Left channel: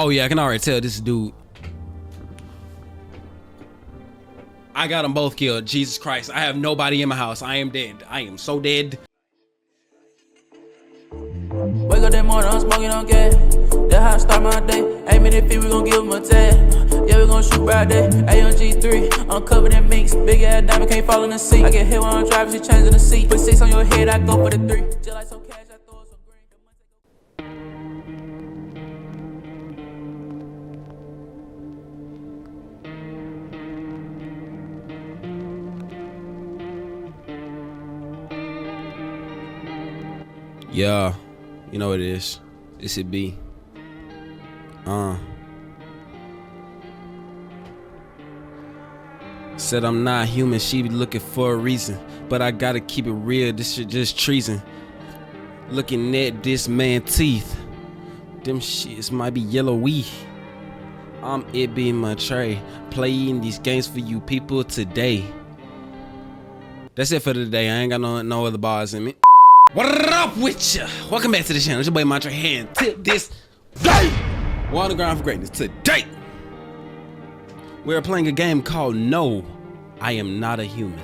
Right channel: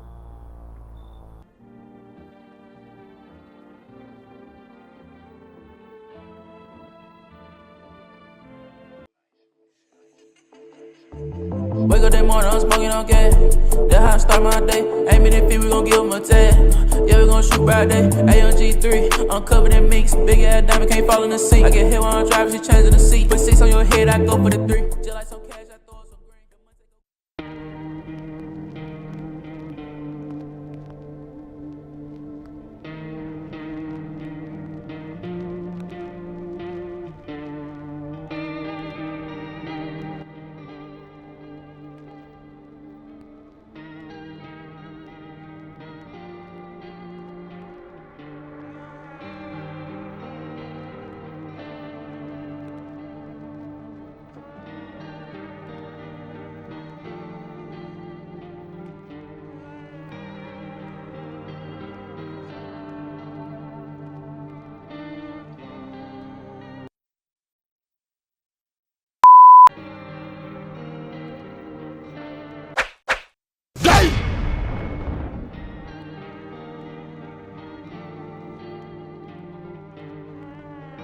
Oh yeah, I can already tell this dude. I got them both killed. Jesus Christ, I have nobody in my house. I am dead. I am so dead. Wake up that morning, I'm smoking on gas. That's how I start my day. Aiming at feet, we gon' give them a tag. Yeah, we gon' shoot Friday. AMG3, I'm covered in minks. Big ass diamond, can't fall in the seat. I get hit when I'm driving, she changing the seat. Put 6 on your head, I go for the 3. Just like some cash, I throw some green. Yeah, you know what it is. This it be. Said I'm not human, she be looking for a reason. But I gotta keep it real, this shit just treason. Looking at this man's teeth. Them shits might be yellowy. I'm it being my tray. Playing these games for you people today. That's it for today. I ain't got no other bars in me. What up with ya? Welcome back to the channel. It's your boy Mantra here. Tip this day. We're on the ground for greatness today. We're playing a game called No, I Am Not a Human.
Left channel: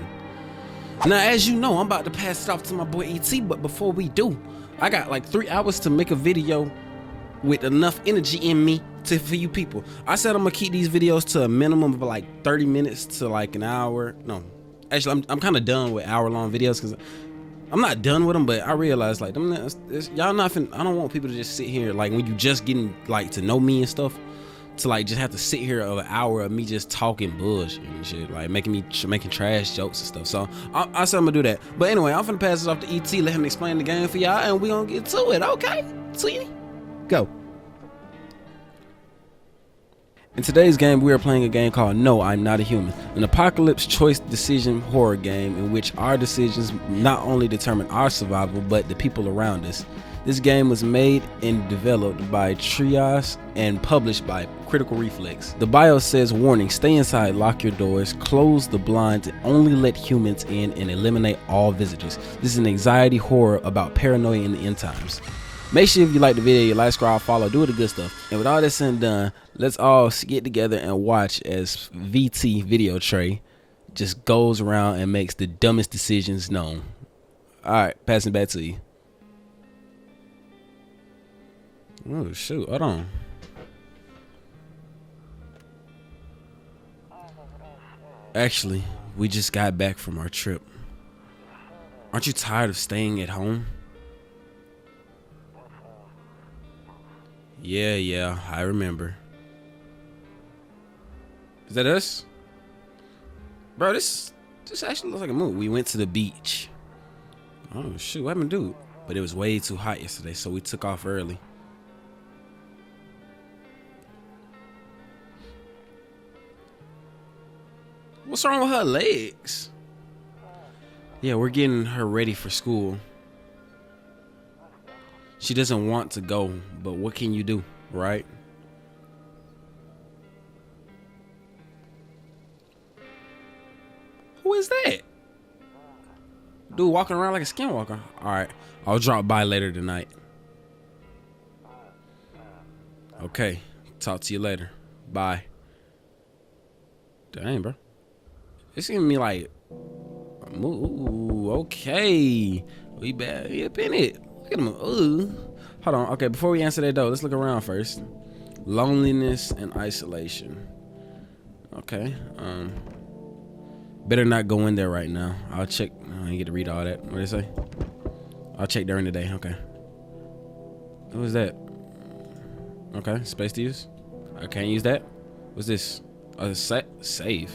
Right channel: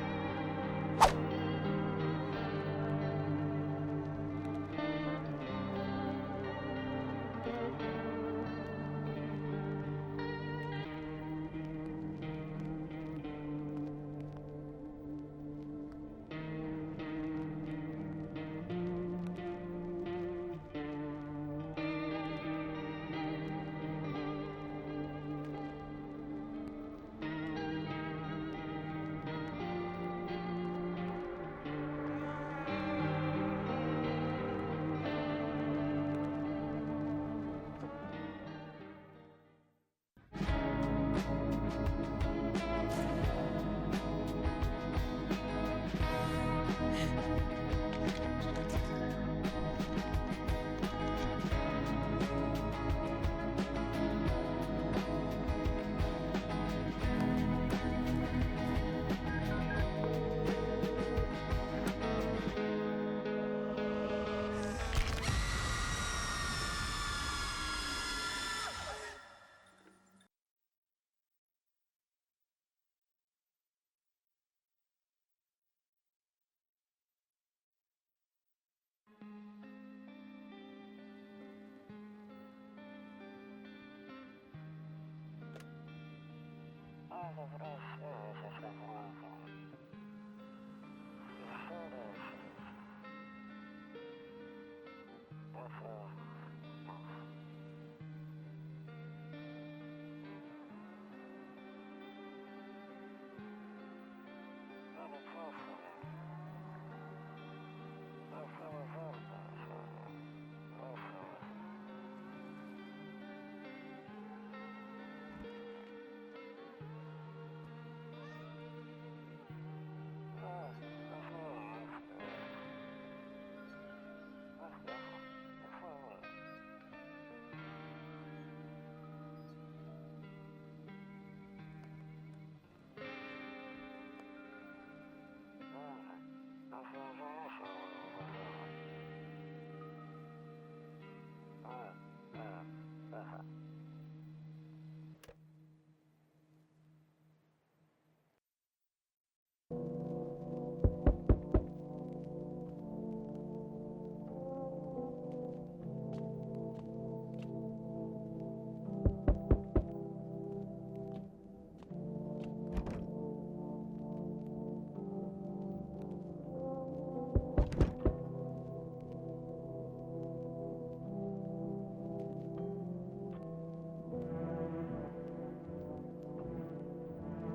Now, as you know, I'm about to pass it off to my boy ET, but before we do, I got like 3 hours to make a video with enough energy in me for you people. I said I'm gonna keep these videos to a minimum of like 30 minutes to like an hour. No, actually, I'm kind of done with hour-long videos because I'm not done with them, but I realized like y'all not finna, I don't want people to just sit here like when you just getting like to know me and stuff, to like just have to sit here of an hour of me just talking bullshit and shit, like making trash jokes and stuff. So I said I'm gonna do that. But anyway, I'm finna pass it off to ET, let him explain the game for y'all, and we gonna get to it. Okay, see, go. In today's game, we are playing a game called No, I'm Not a Human, an apocalypse choice decision horror game in which our decisions not only determine our survival, but the people around us. This game was made and developed by Trios and published by Critical Reflex. The bio says, warning, stay inside, lock your doors, close the blinds, and only let humans in and eliminate all visitors. This is an anxiety horror about paranoia in the end times. Make sure if you like the video, you like, subscribe, follow, do the good stuff. And with all this said and done, let's all get together and watch as VT Video Tray just goes around and makes the dumbest decisions known. All right, passing back to you. Oh shoot, hold on. Actually, we just got back from our trip. Aren't you tired of staying at home? Yeah, I remember. Is that us? Bro, this actually looks like a movie. We went to the beach. Oh shoot, what happened to dude? But it was way too hot yesterday, so we took off early. What's wrong with her legs? Yeah, we're getting her ready for school. She doesn't want to go, but what can you do, right? Who is that? Dude walking around like a skinwalker. All right, I'll drop by later tonight. Okay, talk to you later. Bye. Dang, bro. It's giving me like, ooh, okay. We back up in it. Look at him. Ooh. Hold on. Okay, before we answer that though, let's look around first. Loneliness and isolation. Okay. Better not go in there right now. I'll check. I ain't get to read all that. What did it say? I'll check during the day. Okay. What was that? Okay, space to use. I can't use that. What's this? Save.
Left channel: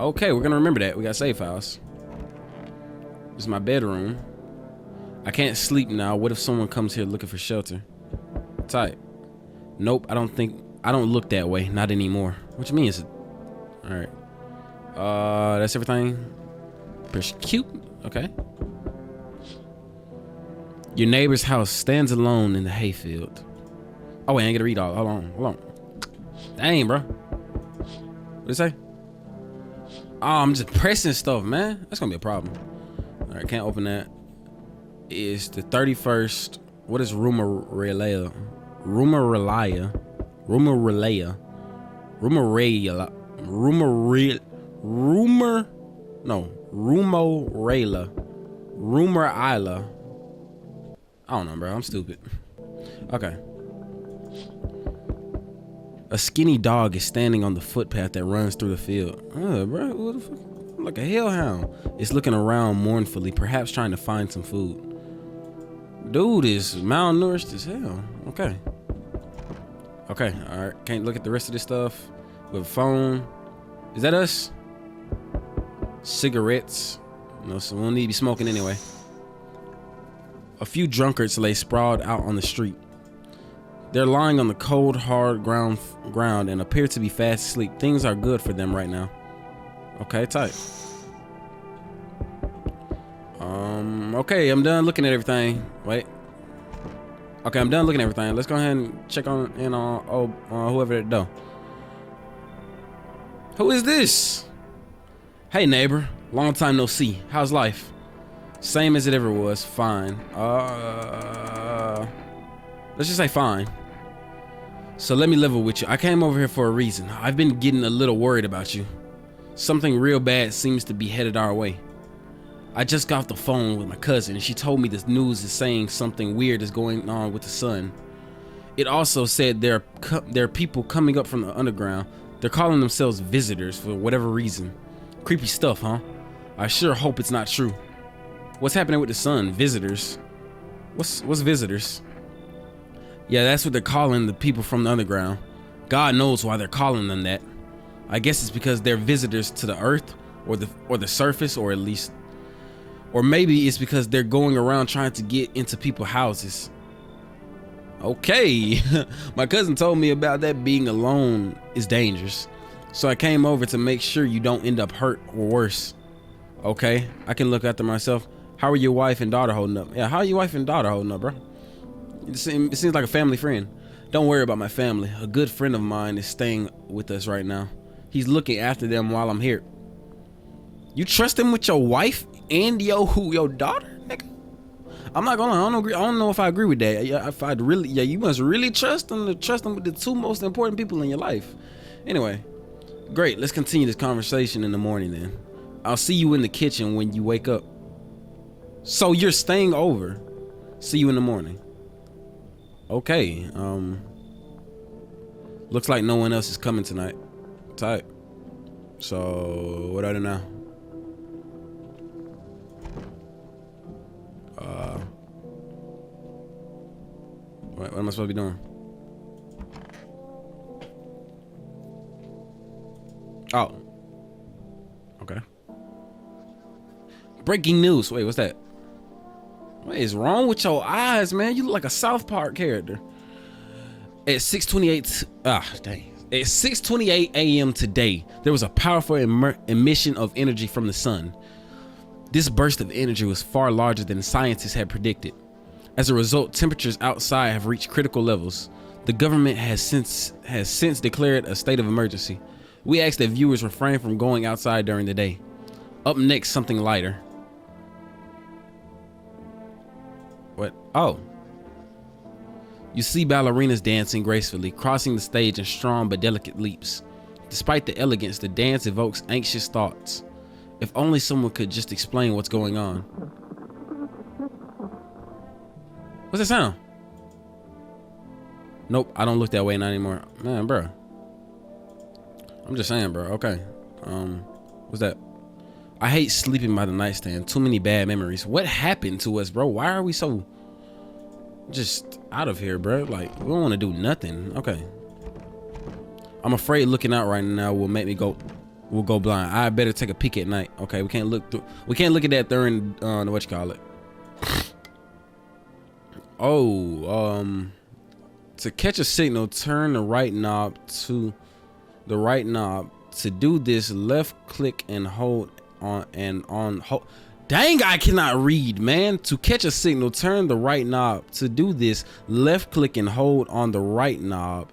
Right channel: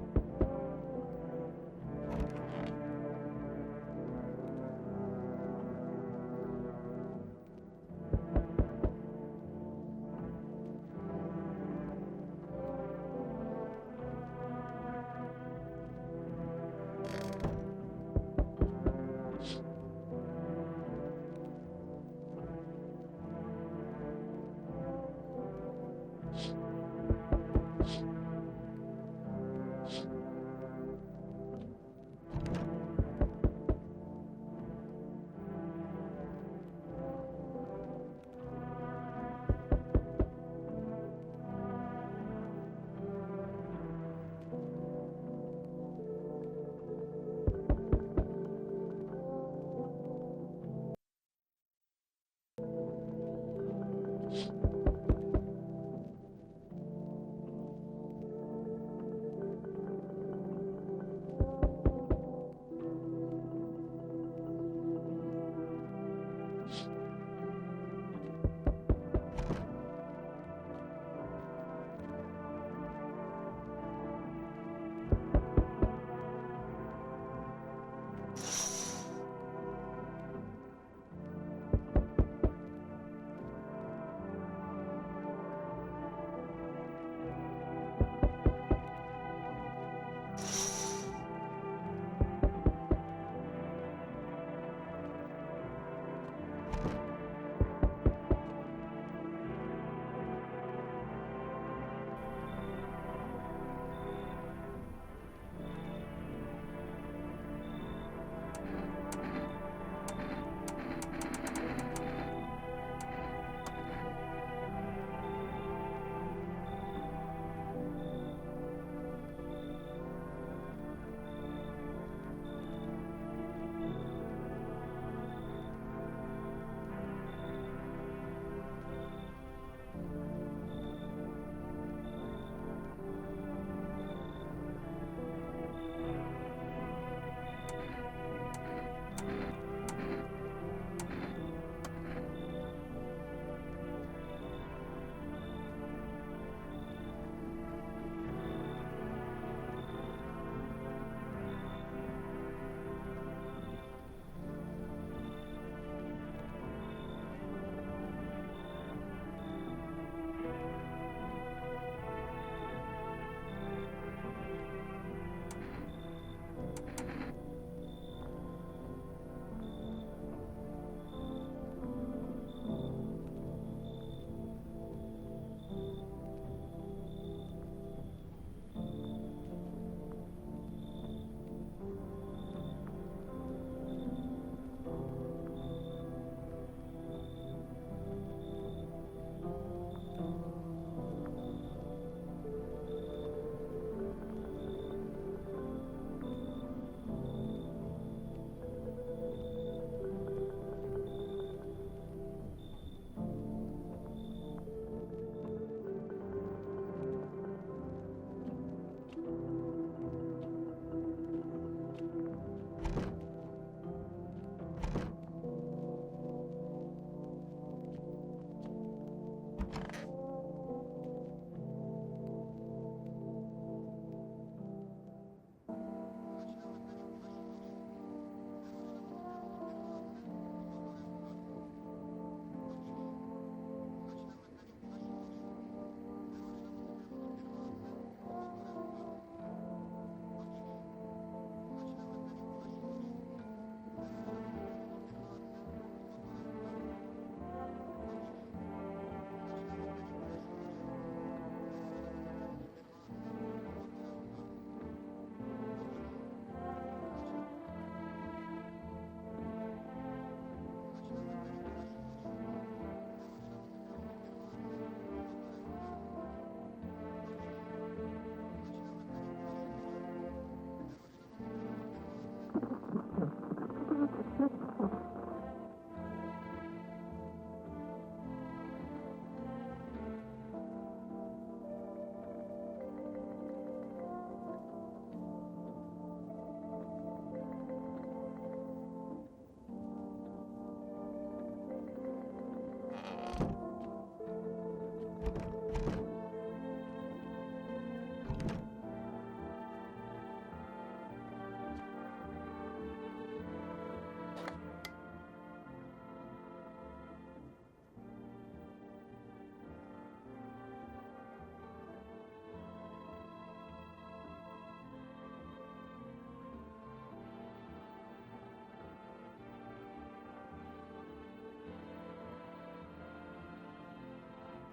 Okay, we're gonna remember that. We got save files. This is my bedroom. I can't sleep now. What if someone comes here looking for shelter? Tight. Nope, I don't look that way. Not anymore. What you mean is it? All right. That's everything. Pretty cute. Okay. Your neighbor's house stands alone in the hayfield. Oh wait, I ain't gonna read all. Hold on. Dang, bro. What did it say? Oh, I'm just pressing stuff, man. That's gonna be a problem. All right, can't open that. It's the 31st. What is Rumorelia? Rumarela. I don't know, bro. I'm stupid. Okay. A skinny dog is standing on the footpath that runs through the field. Bro, what the fuck? Like a hellhound. It's looking around mournfully, perhaps trying to find some food. Dude is malnourished as hell. Okay. Okay, alright. Can't look at the rest of this stuff. With phone. Is that us? Cigarettes. No, so we don't need to be smoking anyway. A few drunkards lay sprawled out on the street. They're lying on the cold, hard ground and appear to be fast asleep. Things are good for them right now. Okay, tight. Okay, I'm done looking at everything. Wait. Okay, I'm done looking at everything. Let's go ahead and check on whoever that though. Who is this? Hey neighbor, long time no see. How's life? Same as it ever was. Fine. Let's just say fine. So let me level with you. I came over here for a reason. I've been getting a little worried about you. Something real bad seems to be headed our way. I just got off the phone with my cousin and she told me this news is saying something weird is going on with the sun. It also said there are people coming up from the underground. They're calling themselves visitors for whatever reason. Creepy stuff, huh? I sure hope it's not true. What's happening with the sun? Visitors? What's visitors? Yeah, that's what they're calling the people from the underground. God knows why they're calling them that. I guess it's because they're visitors to the earth or the surface, or at least, or maybe it's because they're going around trying to get into people's houses. Okay. My cousin told me about that. Being alone is dangerous, so I came over to make sure you don't end up hurt or worse. Okay, I can look after myself. How are your wife and daughter holding up? Yeah, how are your wife and daughter holding up, bro? It seems like a family friend. Don't worry about my family. A good friend of mine is staying with us right now. He's looking after them while I'm here. You trust him with your wife and your daughter, nigga? I'm not gonna. I don't agree. I don't know if I agree with that. Yeah, if I'd really, yeah, you must really trust them with the two most important people in your life. Anyway, great. Let's continue this conversation in the morning then. I'll see you in the kitchen when you wake up. So you're staying over. See you in the morning. Okay. Looks like no one else is coming tonight. Tight. So what do I do now? What am I supposed to be doing? Oh. Okay. Breaking news. Wait, what's that? What is wrong with your eyes, man? You look like a South Park character. At 6:28, At 6:28 a.m. today, there was a powerful emission of energy from the sun. This burst of energy was far larger than scientists had predicted. As a result, temperatures outside have reached critical levels. The government has since declared a state of emergency. We ask that viewers refrain from going outside during the day. Up next, something lighter. What? Oh. You see ballerinas dancing gracefully, crossing the stage in strong but delicate leaps. Despite the elegance, the dance evokes anxious thoughts. If only someone could just explain what's going on. What's that sound? Nope, I don't look that way not anymore. Man, bro. I'm just saying, bro. Okay. What's that? I hate sleeping by the nightstand. Too many bad memories. What happened to us, bro? Why are we so just out of here, bro? Like, we don't want to do nothing. Okay. I'm afraid looking out right now will make me go blind. I better take a peek at night. Okay, we can't look at that during what you call it. To catch a signal, turn the right knob to the right knob. To do this, left click and hold on hold. Dang, I cannot read, man. To catch a signal, turn the right knob. To do this, left click and hold on the right knob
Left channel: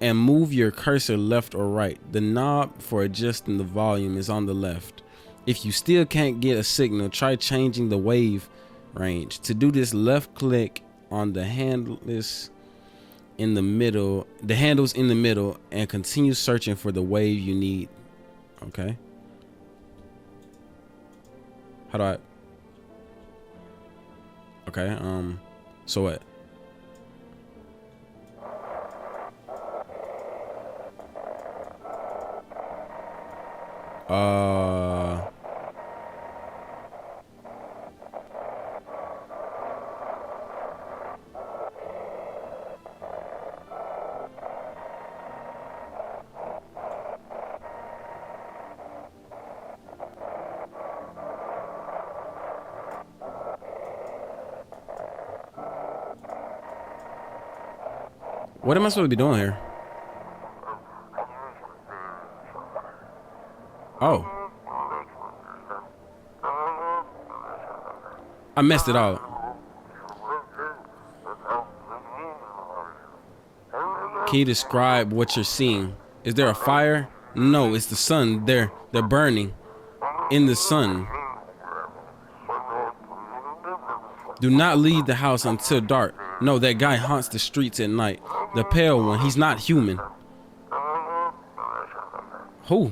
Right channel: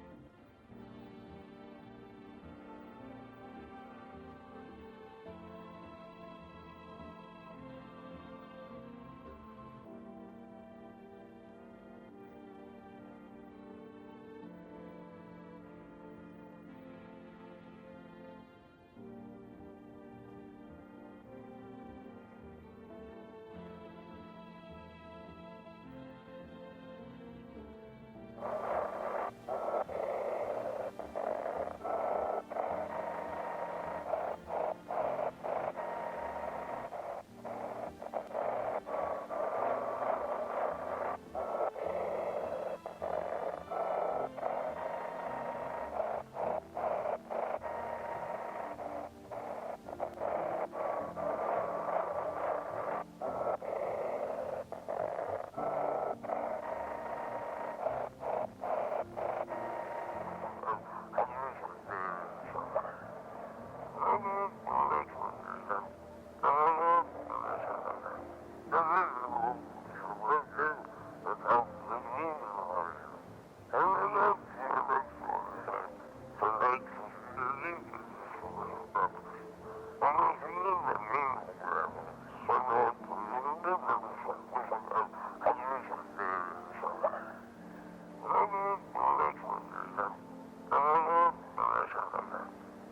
and move your cursor left or right. The knob for adjusting the volume is on the left. If you still can't get a signal, try changing the wave range. To do this, left click on the handless in the middle. The handle's in the middle, and continue searching for the wave you need. Okay. How do I? Okay. So what? What am I supposed to be doing here? Oh. I messed it up. Can you describe what you're seeing? Is there a fire? No, it's the sun. They're burning in the sun. Do not leave the house until dark. No, that guy haunts the streets at night. The pale one, he's not human. Who?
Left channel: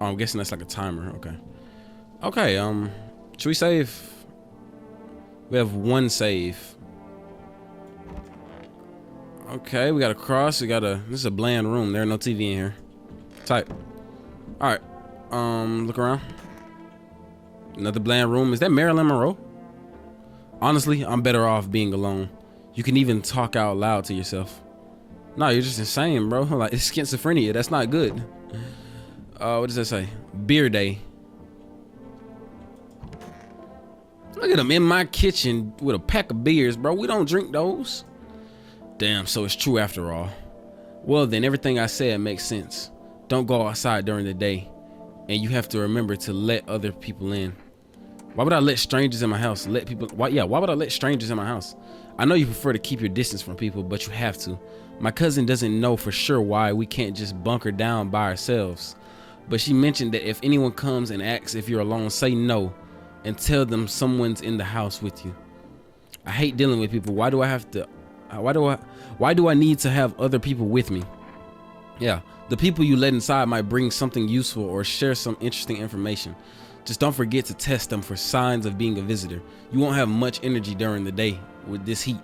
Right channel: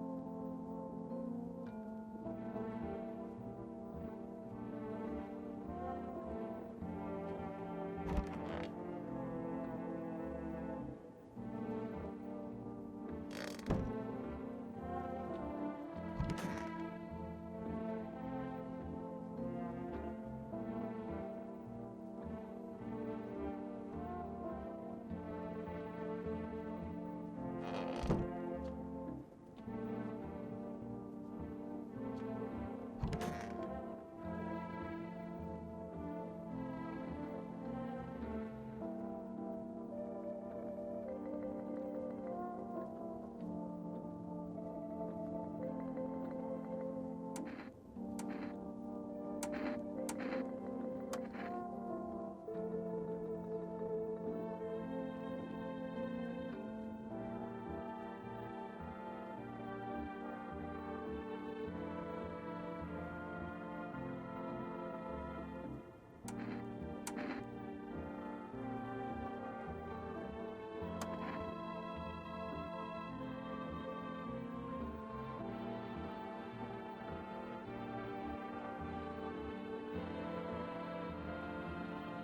Oh, I'm guessing that's like a timer. Okay. Okay, should we save? We have one save. Okay, we got a cross. We got a. This is a bland room. There's no TV in here. Type. All right. Look around. Another bland room. Is that Marilyn Monroe? Honestly, I'm better off being alone. You can even talk out loud to yourself. No, you're just insane, bro. Like, it's schizophrenia. That's not good. What does that say? Beer day. Look at him in my kitchen with a pack of beers, bro. We don't drink those. Damn, so it's true after all. Well, then everything I said makes sense. Don't go outside during the day. And you have to remember to let other people in. Why would I let strangers in my house? Why would I let strangers in my house? I know you prefer to keep your distance from people, but you have to. My cousin doesn't know for sure why we can't just bunker down by ourselves. But she mentioned that if anyone comes and asks if you're alone, say no and tell them someone's in the house with you. I hate dealing with people. Why do I need to have other people with me? Yeah, the people you let inside might bring something useful or share some interesting information. Just don't forget to test them for signs of being a visitor. You won't have much energy during the day with this heat.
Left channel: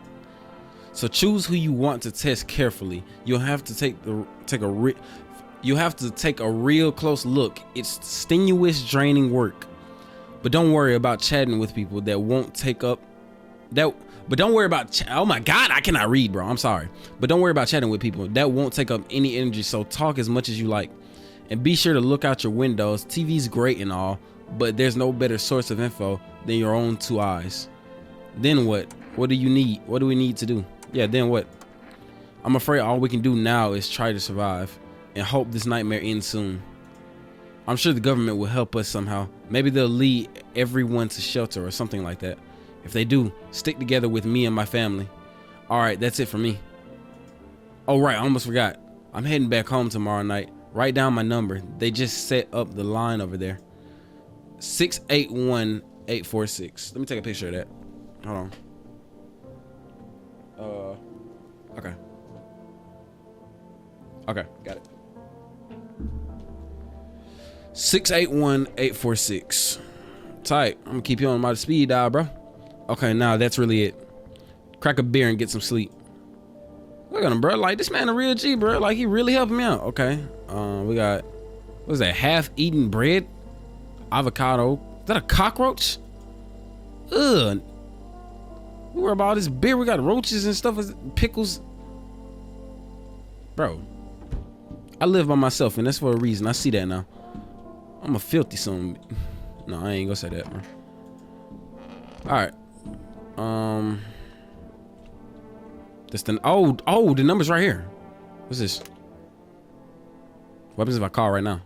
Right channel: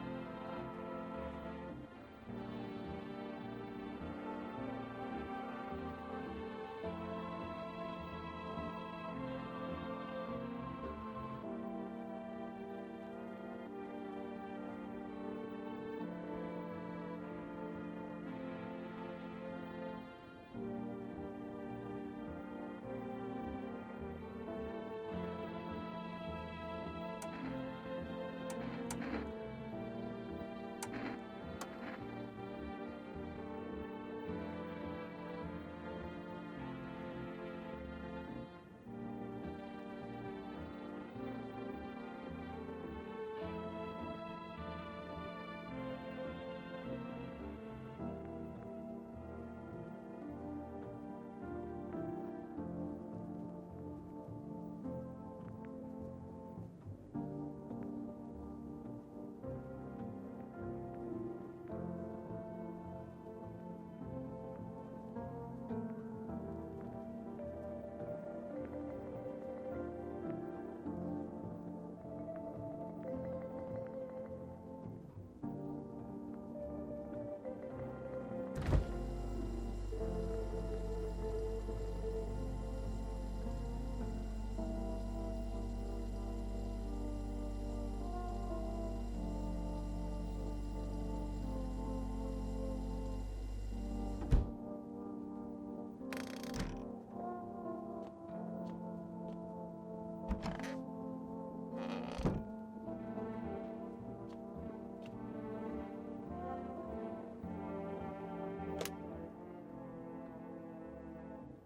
So choose who you want to test carefully. You'll have to take a real close look. It's strenuous, draining work. But don't worry about chatting with people that won't take up that. But don't worry about. Oh my God, I cannot read, bro. I'm sorry. But don't worry about chatting with people that won't take up any energy. So talk as much as you like, and be sure to look out your windows. TV's great and all, but there's no better source of info than your own two eyes. Then what? What do you need? What do we need to do? Yeah, then what? I'm afraid all we can do now is try to survive and hope this nightmare ends soon. I'm sure the government will help us somehow. Maybe they'll lead everyone to shelter or something like that. If they do, stick together with me and my family. All right, that's it for me. Oh, right, I almost forgot. I'm heading back home tomorrow night. Write down my number. They just set up the line over there. 681-846. Let me take a picture of that. Hold on. Okay. Okay, got it. 681-846. Tight. I'm gonna keep you on my speed dial, bro. Okay, now that's really it. Crack a beer and get some sleep. Look at him, bro. Like, this man a real G, bro. Like, he really helped me out. Okay. We got, what is that? Half-eaten bread, avocado. Is that a cockroach? Ugh. We worry about all this beer. We got roaches and stuff, pickles. Bro, I live by myself, and that's for a reason. I see that now. I'm a filthy son. No, I ain't gonna say that, man. All right. This the the number's right here. What's this? What happens if I call right now?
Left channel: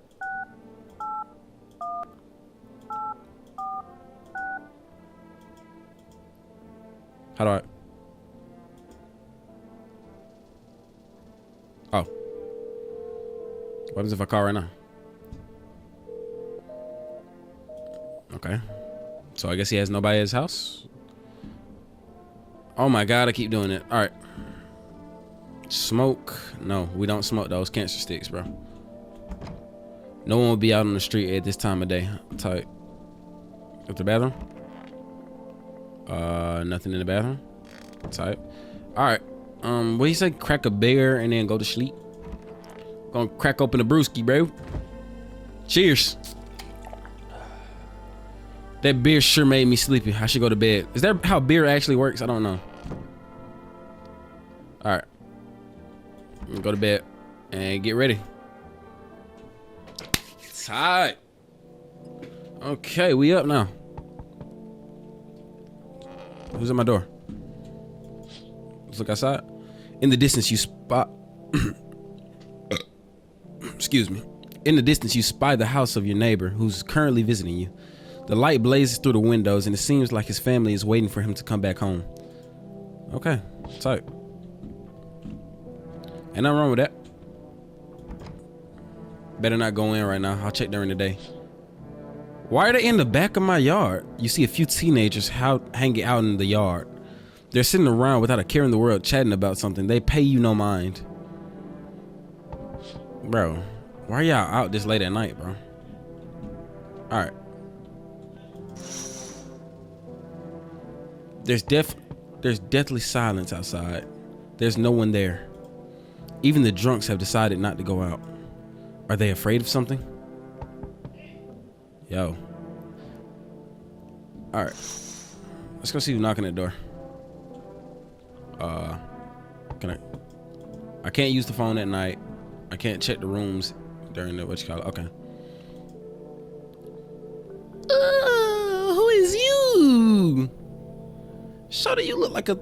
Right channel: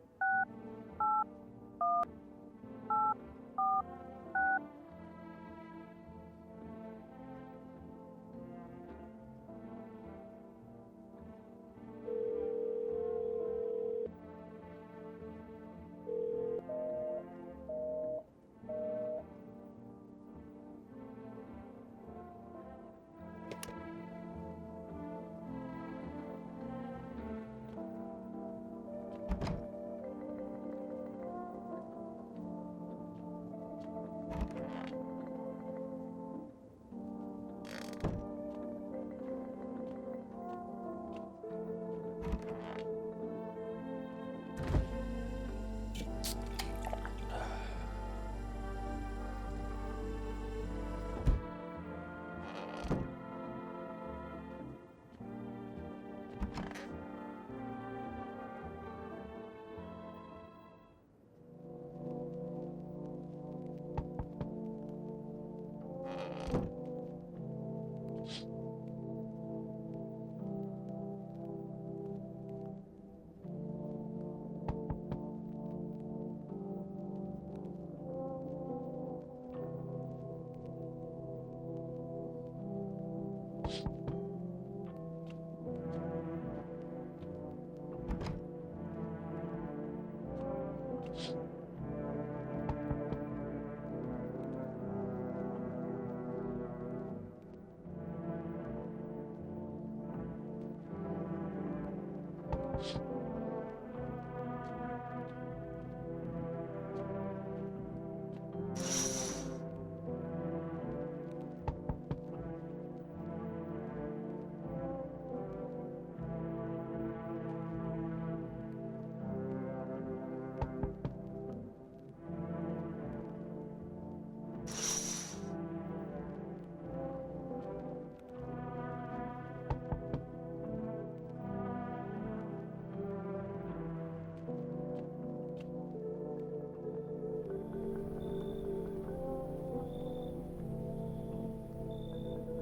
How do I? Oh. What happens if I call right now? Okay. So I guess he has nobody at his house. Oh my God, I keep doing it. All right. Smoke. No, we don't smoke those cancer sticks, bro. No one will be out on the street at this time of day. Tight. At the bathroom? Nothing in the bathroom. Tight. All right. What do you say? Crack a beer and then go to sleep. Gonna crack open a brewski, bro. Cheers. That beer sure made me sleepy. I should go to bed. Is that how beer actually works? I don't know. All right. Go to bed and get ready. Tight. Okay, we up now. Who's at my door? Let's look outside. In the distance, you spot. Excuse me. In the distance, you spy the house of your neighbor who's currently visiting you. The light blazes through the windows, and it seems like his family is waiting for him to come back home. Okay, tight. Ain't nothing wrong with that. Better not go in right now. I'll check during the day. Why are they in the back of my yard? You see a few teenagers hanging out in the yard. They're sitting around without a care in the world, chatting about something. They pay you no mind. Bro, why are y'all out this late at night, bro? All right. There's deathly silence outside. There's no one there. Even the drunks have decided not to go out. Are they afraid of something? Yo. All right. Let's go see who's knocking at the door. I can't use the phone at night. I can't check the rooms during the, what you call it? Okay. Who is you? Shawty, you look like a,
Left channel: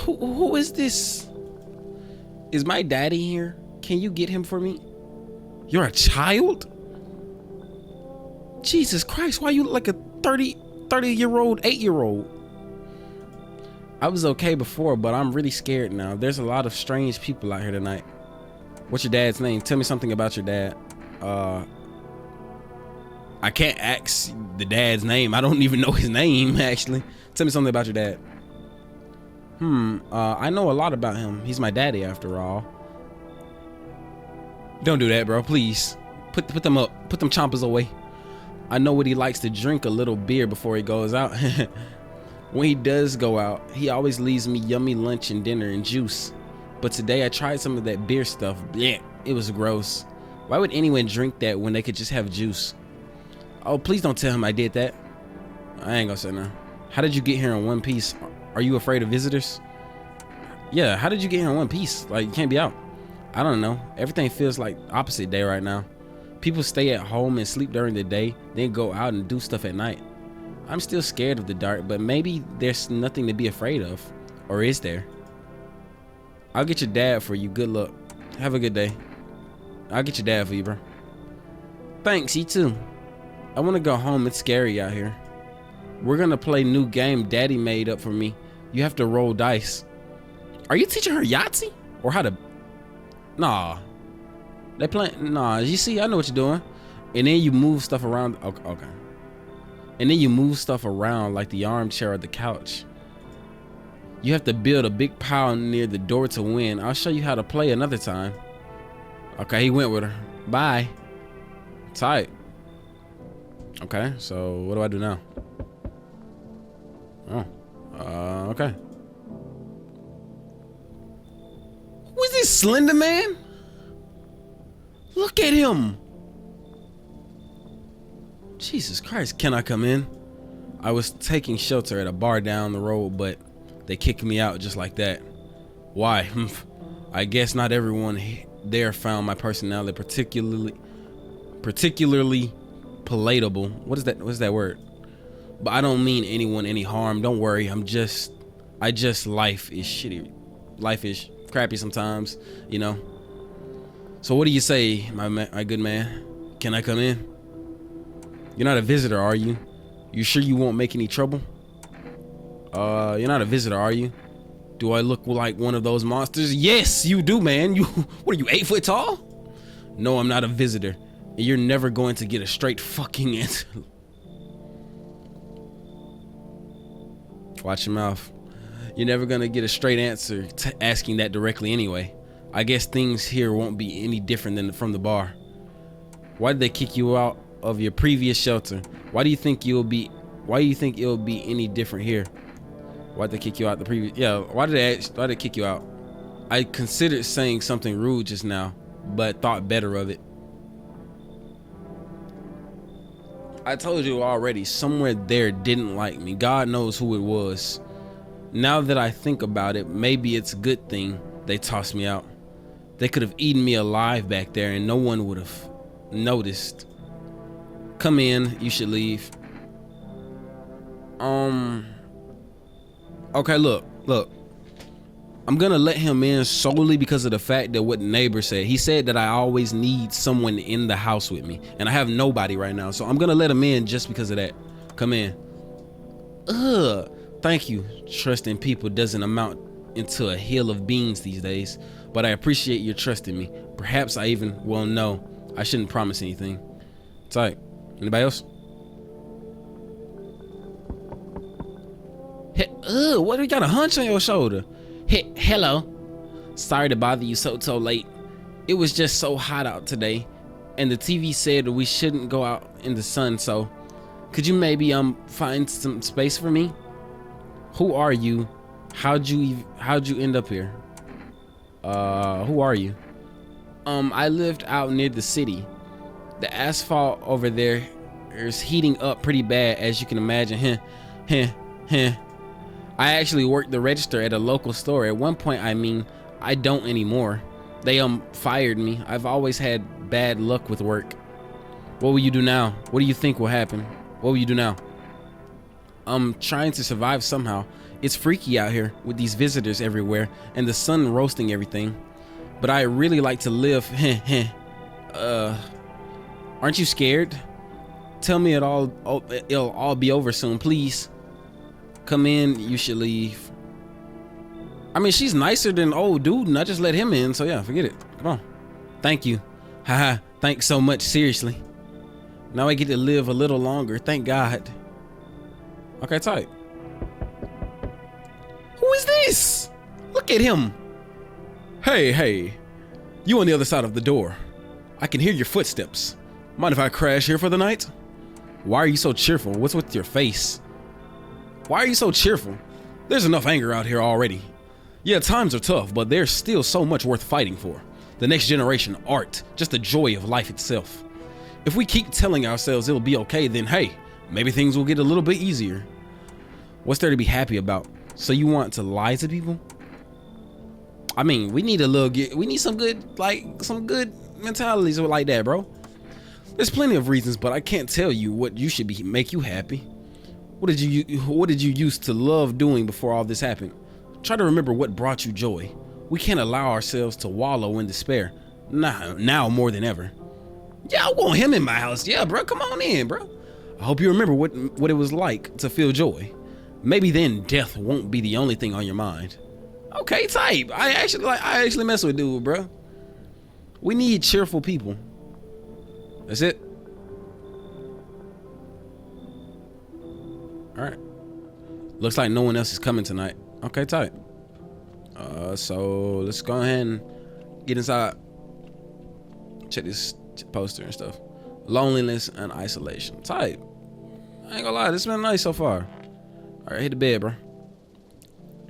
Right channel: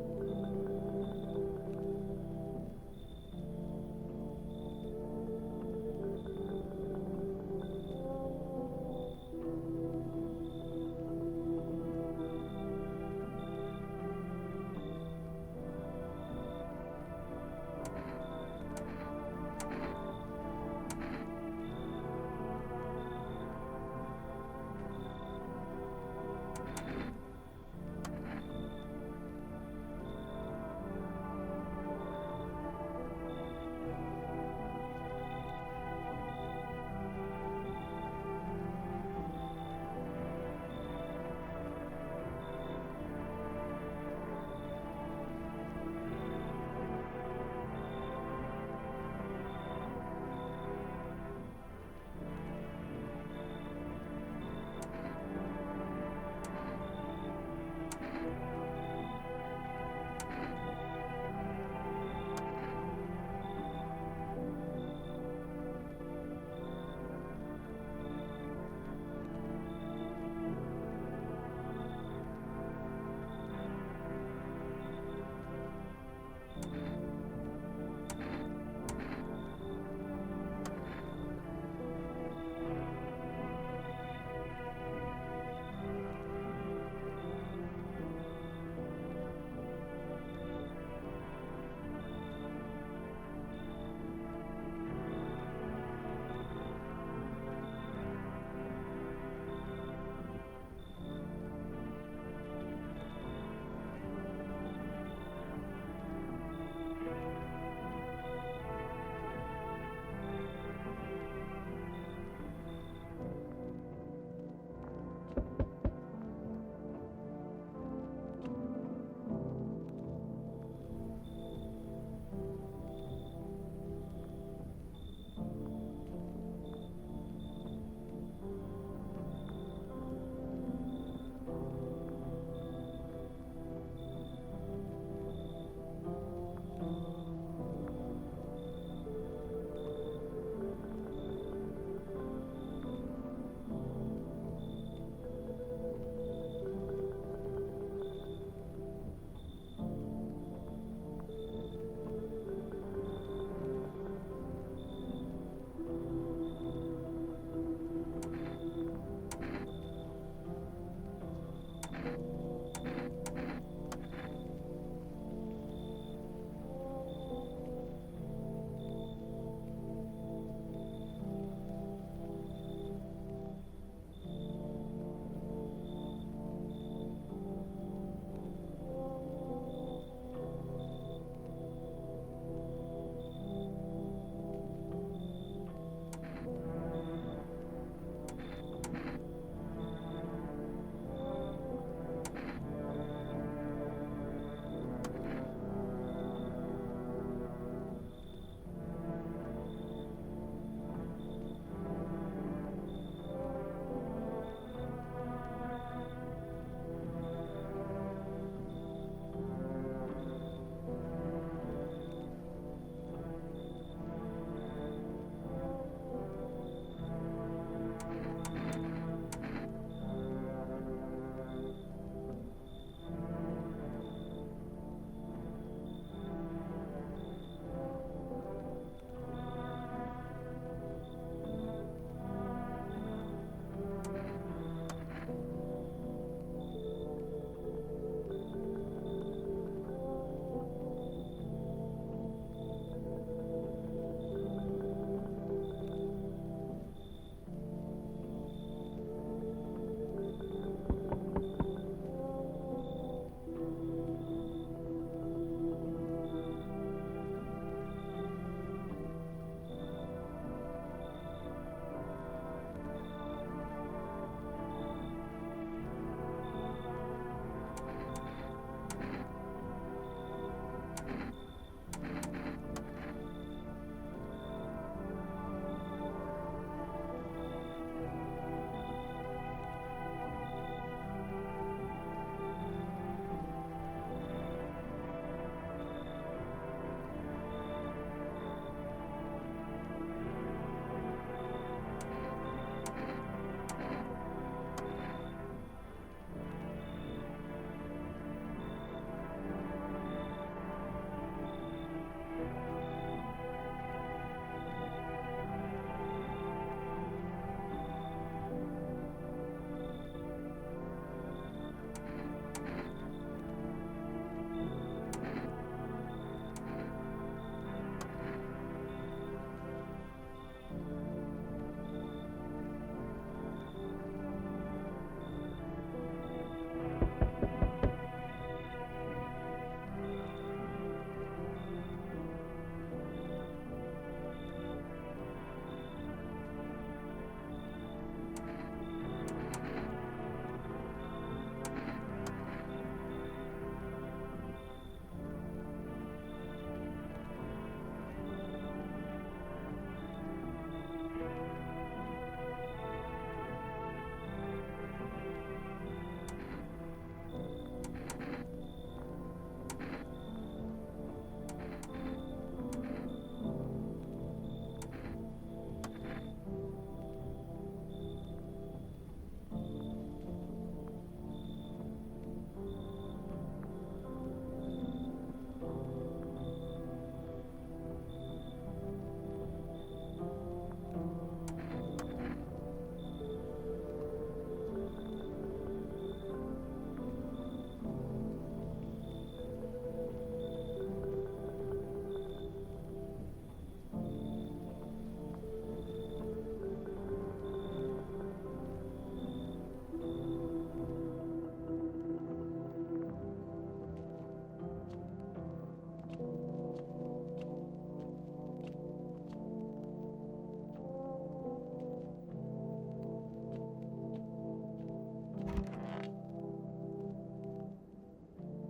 who is this? Is my daddy here? Can you get him for me? You're a child? Jesus Christ, why you look like a 30-year-old, 8-year-old? I was okay before, but I'm really scared now. There's a lot of strange people out here tonight. What's your dad's name? Tell me something about your dad. I can't ask the dad's name. I don't even know his name, actually. Tell me something about your dad. I know a lot about him. He's my daddy, after all. Don't do that, bro. Please. Put them up. Put them chompers away. I know what he likes to drink, a little beer before he goes out. When he does go out, he always leaves me yummy lunch and dinner and juice. But today I tried some of that beer stuff. Yeah, it was gross. Why would anyone drink that when they could just have juice? Oh, please don't tell him I did that. I ain't gonna say no. How did you get here in one piece? Are you afraid of visitors? Yeah, how did you get here in one piece? Like, you can't be out. I don't know. Everything feels like opposite day right now. People stay at home and sleep during the day, then go out and do stuff at night. I'm still scared of the dark, but maybe there's nothing to be afraid of. Or is there? I'll get your dad for you. Good luck. Have a good day. I'll get your dad for you, bro. Thanks, you too. I want to go home. It's scary out here. We're gonna play new game Daddy made up for me. You have to roll dice. Are you teaching her Yahtzee? Or how to... Nah. They playing... Nah, you see, I know what you're doing. And then you move stuff around. Okay. And then you move stuff around like the armchair or the couch. You have to build a big pile near the door to win. I'll show you how to play another time. Okay, he went with her. Bye. Tight. Okay, so what do I do now? Oh, okay. Who is this slender man? Look at him. Jesus Christ, can I come in? I was taking shelter at a bar down the road, but they kicked me out just like that. Why? I guess not everyone there found my personality particularly palatable. What is that? What's that word? But I don't mean anyone any harm. Don't worry. Life is shitty. Life is crappy sometimes, you know. So what do you say, my good man? Can I come in? You're not a visitor, are you? You sure you won't make any trouble? You're not a visitor, are you? Do I look like one of those monsters? Yes, you do, man. What are you, 8 foot tall? No, I'm not a visitor. And you're never going to get a straight fucking answer. Watch your mouth. You're never gonna get a straight answer to asking that directly anyway. I guess things here won't be any different than from the bar. Why did they kick you out of your previous shelter? Why do you think it'll be any different here? Why did they kick you out the previous? Yeah, why did they kick you out? I considered saying something rude just now, but thought better of it. I told you already, somewhere there didn't like me. God knows who it was. Now that I think about it, maybe it's a good thing they tossed me out. They could have eaten me alive back there and no one would have noticed. Come in, you should leave. Okay, look. I'm gonna let him in solely because of the fact that what the neighbor said. He said that I always need someone in the house with me, and I have nobody right now, so I'm gonna let him in just because of that. Come in. Thank you. Trusting people doesn't amount into a hill of beans these days, but I appreciate your trust in me. Perhaps I even, well, no, I shouldn't promise anything. Tight. Anybody else? What do you got, a hunch on your shoulder? Hello. Sorry to bother you so late. It was just so hot out today, and the TV said we shouldn't go out in the sun, so could you maybe find some space for me? Who are you? How'd you end up here? Who are you? I lived out near the city. The asphalt over there is heating up pretty bad, as you can imagine. I actually worked the register at a local store. At one point, I don't anymore. They fired me. I've always had bad luck with work. What will you do now? What do you think will happen? What will you do now? I'm trying to survive somehow. It's freaky out here with these visitors everywhere and the sun roasting everything. But I really like to live. Aren't you scared? Tell me it'll all be over soon, please. Come in, you should leave. I mean, she's nicer than old dude, and I just let him in, so yeah, forget it. Come on. Thank you. Haha, thanks so much, seriously. Now I get to live a little longer, thank God. Okay, tight. Who is this? Look at him. Hey, you on the other side of the door. I can hear your footsteps. Mind if I crash here for the night? Why are you so cheerful? What's with your face? Why are you so cheerful? There's enough anger out here already. Yeah, times are tough, but there's still so much worth fighting for. The next generation, art, just the joy of life itself. If we keep telling ourselves it'll be okay, then hey, maybe things will get a little bit easier. What's there to be happy about? So you want to lie to people? I mean, we need some good mentalities like that, bro. There's plenty of reasons, but I can't tell you what you should make you happy. What did you used to love doing before all this happened? Try to remember what brought you joy. We can't allow ourselves to wallow in despair. Now more than ever. Yeah, I want him in my house. Yeah, bro, come on in, bro. I hope you remember what it was like to feel joy. Maybe then death won't be the only thing on your mind. Okay, type. I actually mess with dude, bro. We need cheerful people. That's it. All right. Looks like no one else is coming tonight. Okay, tight. So let's go ahead and get inside. Check this poster and stuff. Loneliness and isolation. Tight. I ain't gonna lie, this has been nice so far. All right, hit the bed, bro.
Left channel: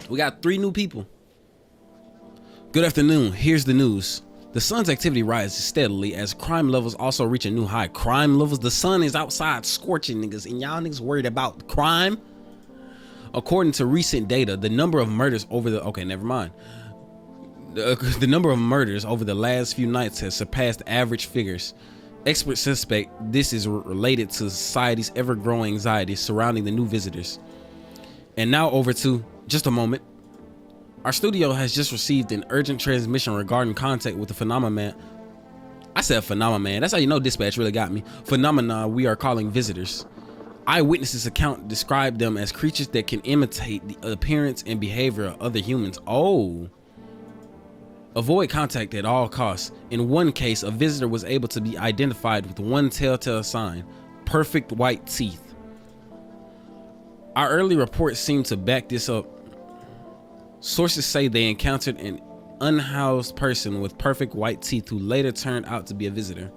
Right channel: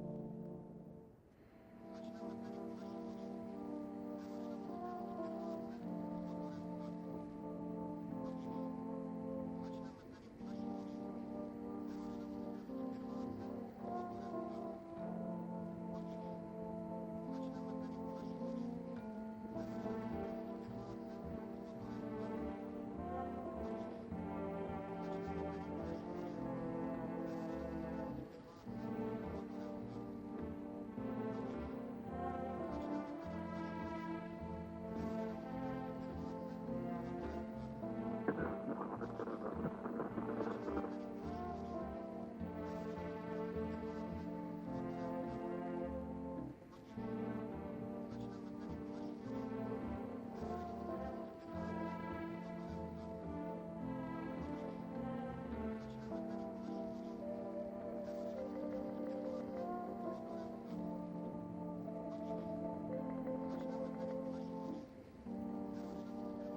We got 3 new people. Good afternoon. Here's the news. The sun's activity rises steadily as crime levels also reach a new high. Crime levels? The sun is outside scorching niggas, and y'all niggas worried about crime? According to recent data, the number of murders over the number of murders over the last few nights has surpassed average figures. Experts suspect this is related to society's ever-growing anxiety surrounding the new visitors. And now over to just a moment. Our studio has just received an urgent transmission regarding contact with the phenomenon. I said phenomenon. That's how you know dispatch really got me. Phenomena we are calling visitors. Eyewitnesses account describe them as creatures that can imitate the appearance and behavior of other humans. Oh. Avoid contact at all costs. In one case, a visitor was able to be identified with one telltale sign: perfect white teeth. Our early reports seem to back this up. Sources say they encountered an unhoused person with perfect white teeth who later turned out to be a visitor.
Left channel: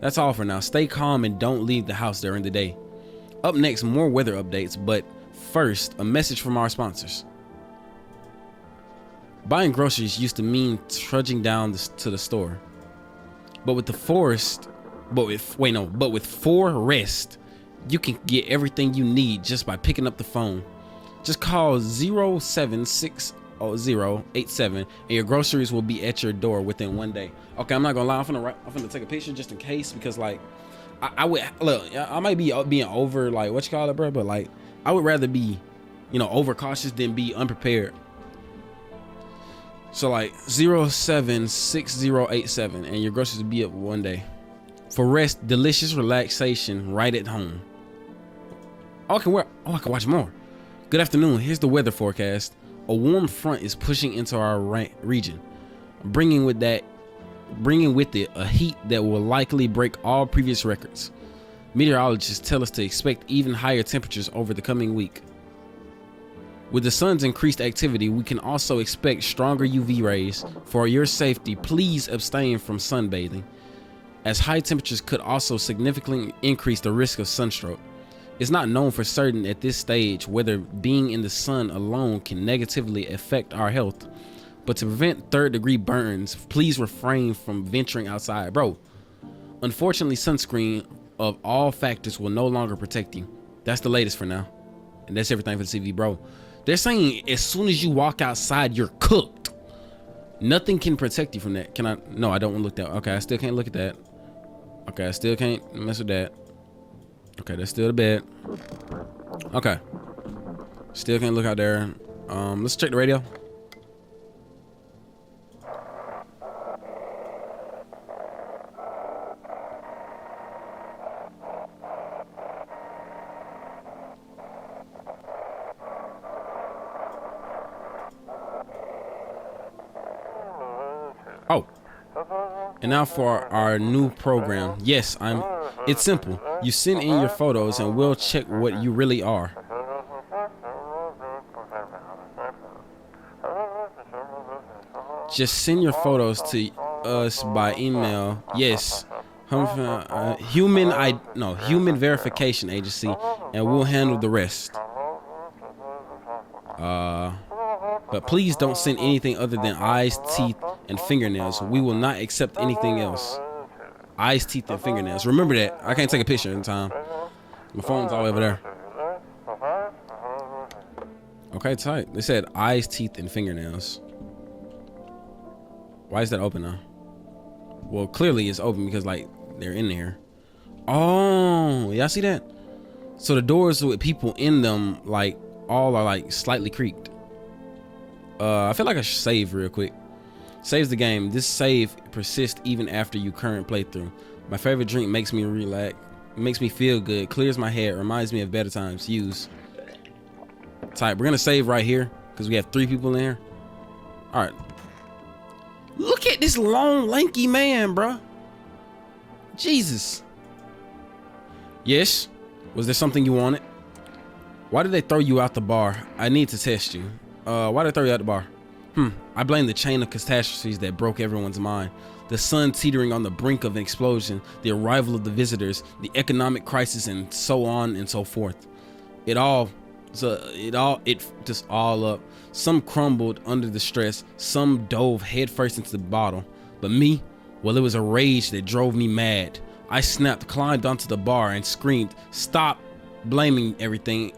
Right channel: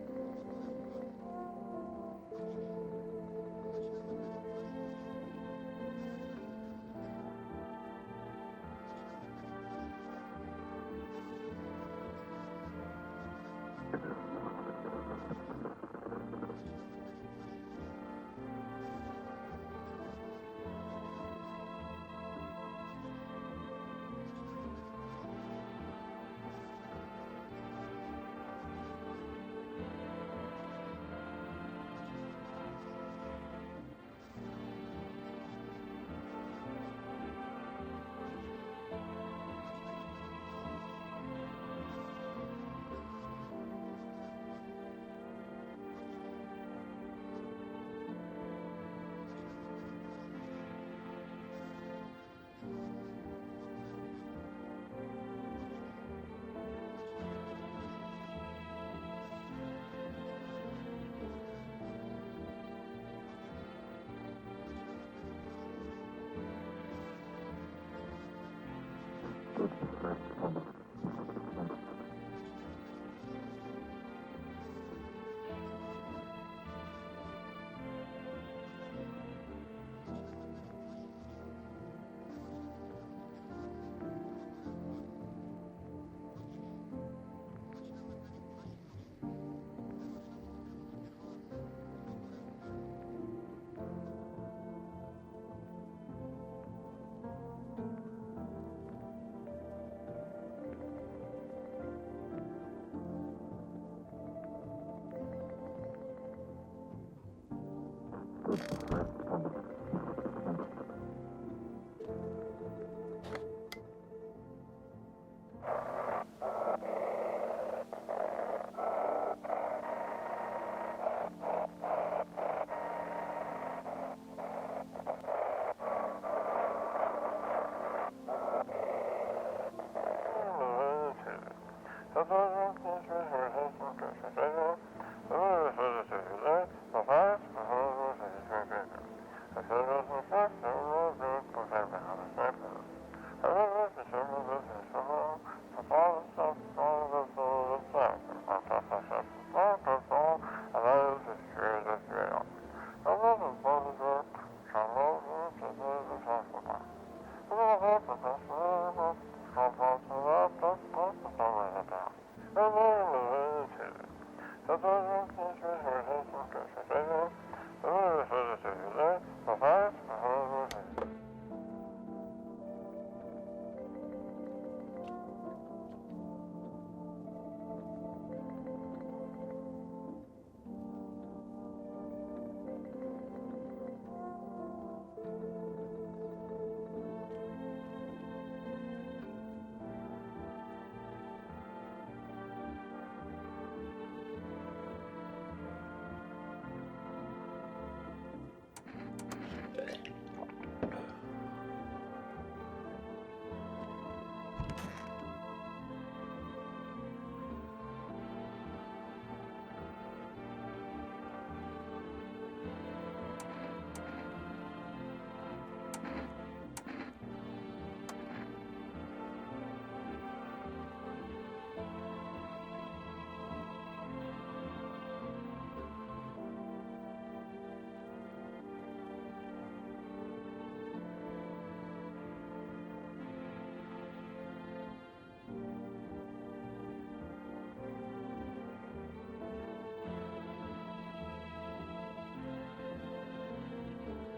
That's all for now. Stay calm and don't leave the house during the day. Up next, more weather updates, but first, a message from our sponsors. Buying groceries used to mean trudging down to the store. But with Forest, you can get everything you need just by picking up the phone. Just call 0760087 and your groceries will be at your door within 1 day. Okay, I'm not gonna lie, I'm finna take a picture just in case, because like I would look, I might be being over, like, what you call it, bro, but like I would rather be, overcautious than be unprepared. So like 076087 and your groceries will be up 1 day. For rest, delicious relaxation right at home. I can watch more. Good afternoon. Here's the weather forecast. A warm front is pushing into our region, bringing with it a heat that will likely break all previous records. Meteorologists tell us to expect even higher temperatures over the coming week. With the sun's increased activity, we can also expect stronger UV rays. For your safety, please abstain from sunbathing, as high temperatures could also significantly increase the risk of sunstroke. It's not known for certain at this stage whether being in the sun alone can negatively affect our health, but to prevent third-degree burns, please refrain from venturing outside. Bro, unfortunately, sunscreen of all factors will no longer protect you. That's the latest for now. And that's everything for the CV, bro. They're saying as soon as you walk outside, you're cooked. Nothing can protect you from that. Can I? No, I don't want to look that. Okay, I still can't look at that. Okay, I still can't mess with that. Okay, that's still the bed. Okay. Still can't look out there. Let's check the radio. Oh. And now for our new program. Yes, it's simple. You send in your photos and we'll check what you really are. Just send your photos to us by email. Yes. Human verification agency, and we'll handle the rest. But please don't send anything other than eyes, teeth, and fingernails. We will not accept anything else. Eyes, teeth, and fingernails. Remember that. I can't take a picture in time. My phone's all the way over there. Okay, tight. They said eyes, teeth, and fingernails. Why is that open now? Well, clearly it's open because, like, they're in there. Oh, y'all see that? So the doors with people in them, like, all are, like, slightly creaked. I feel like I should save real quick. Saves the game. This save persists even after your current playthrough. My favorite drink makes me relax, makes me feel good, clears my head, reminds me of better times. Use. Type. We're gonna save right here because we have 3 people in here. All right. Look at this long, lanky man, bro. Jesus. Yes. Was there something you wanted? Why did they throw you out the bar? I need to test you. Why did they throw you out the bar? I blame the chain of catastrophes that broke everyone's mind. The sun teetering on the brink of an explosion, the arrival of the visitors, the economic crisis, and so on and so forth. It just all up. Some crumbled under the stress, some dove headfirst into the bottle. But me, well, it was a rage that drove me mad. I snapped, climbed onto the bar, and screamed, "Stop blaming everything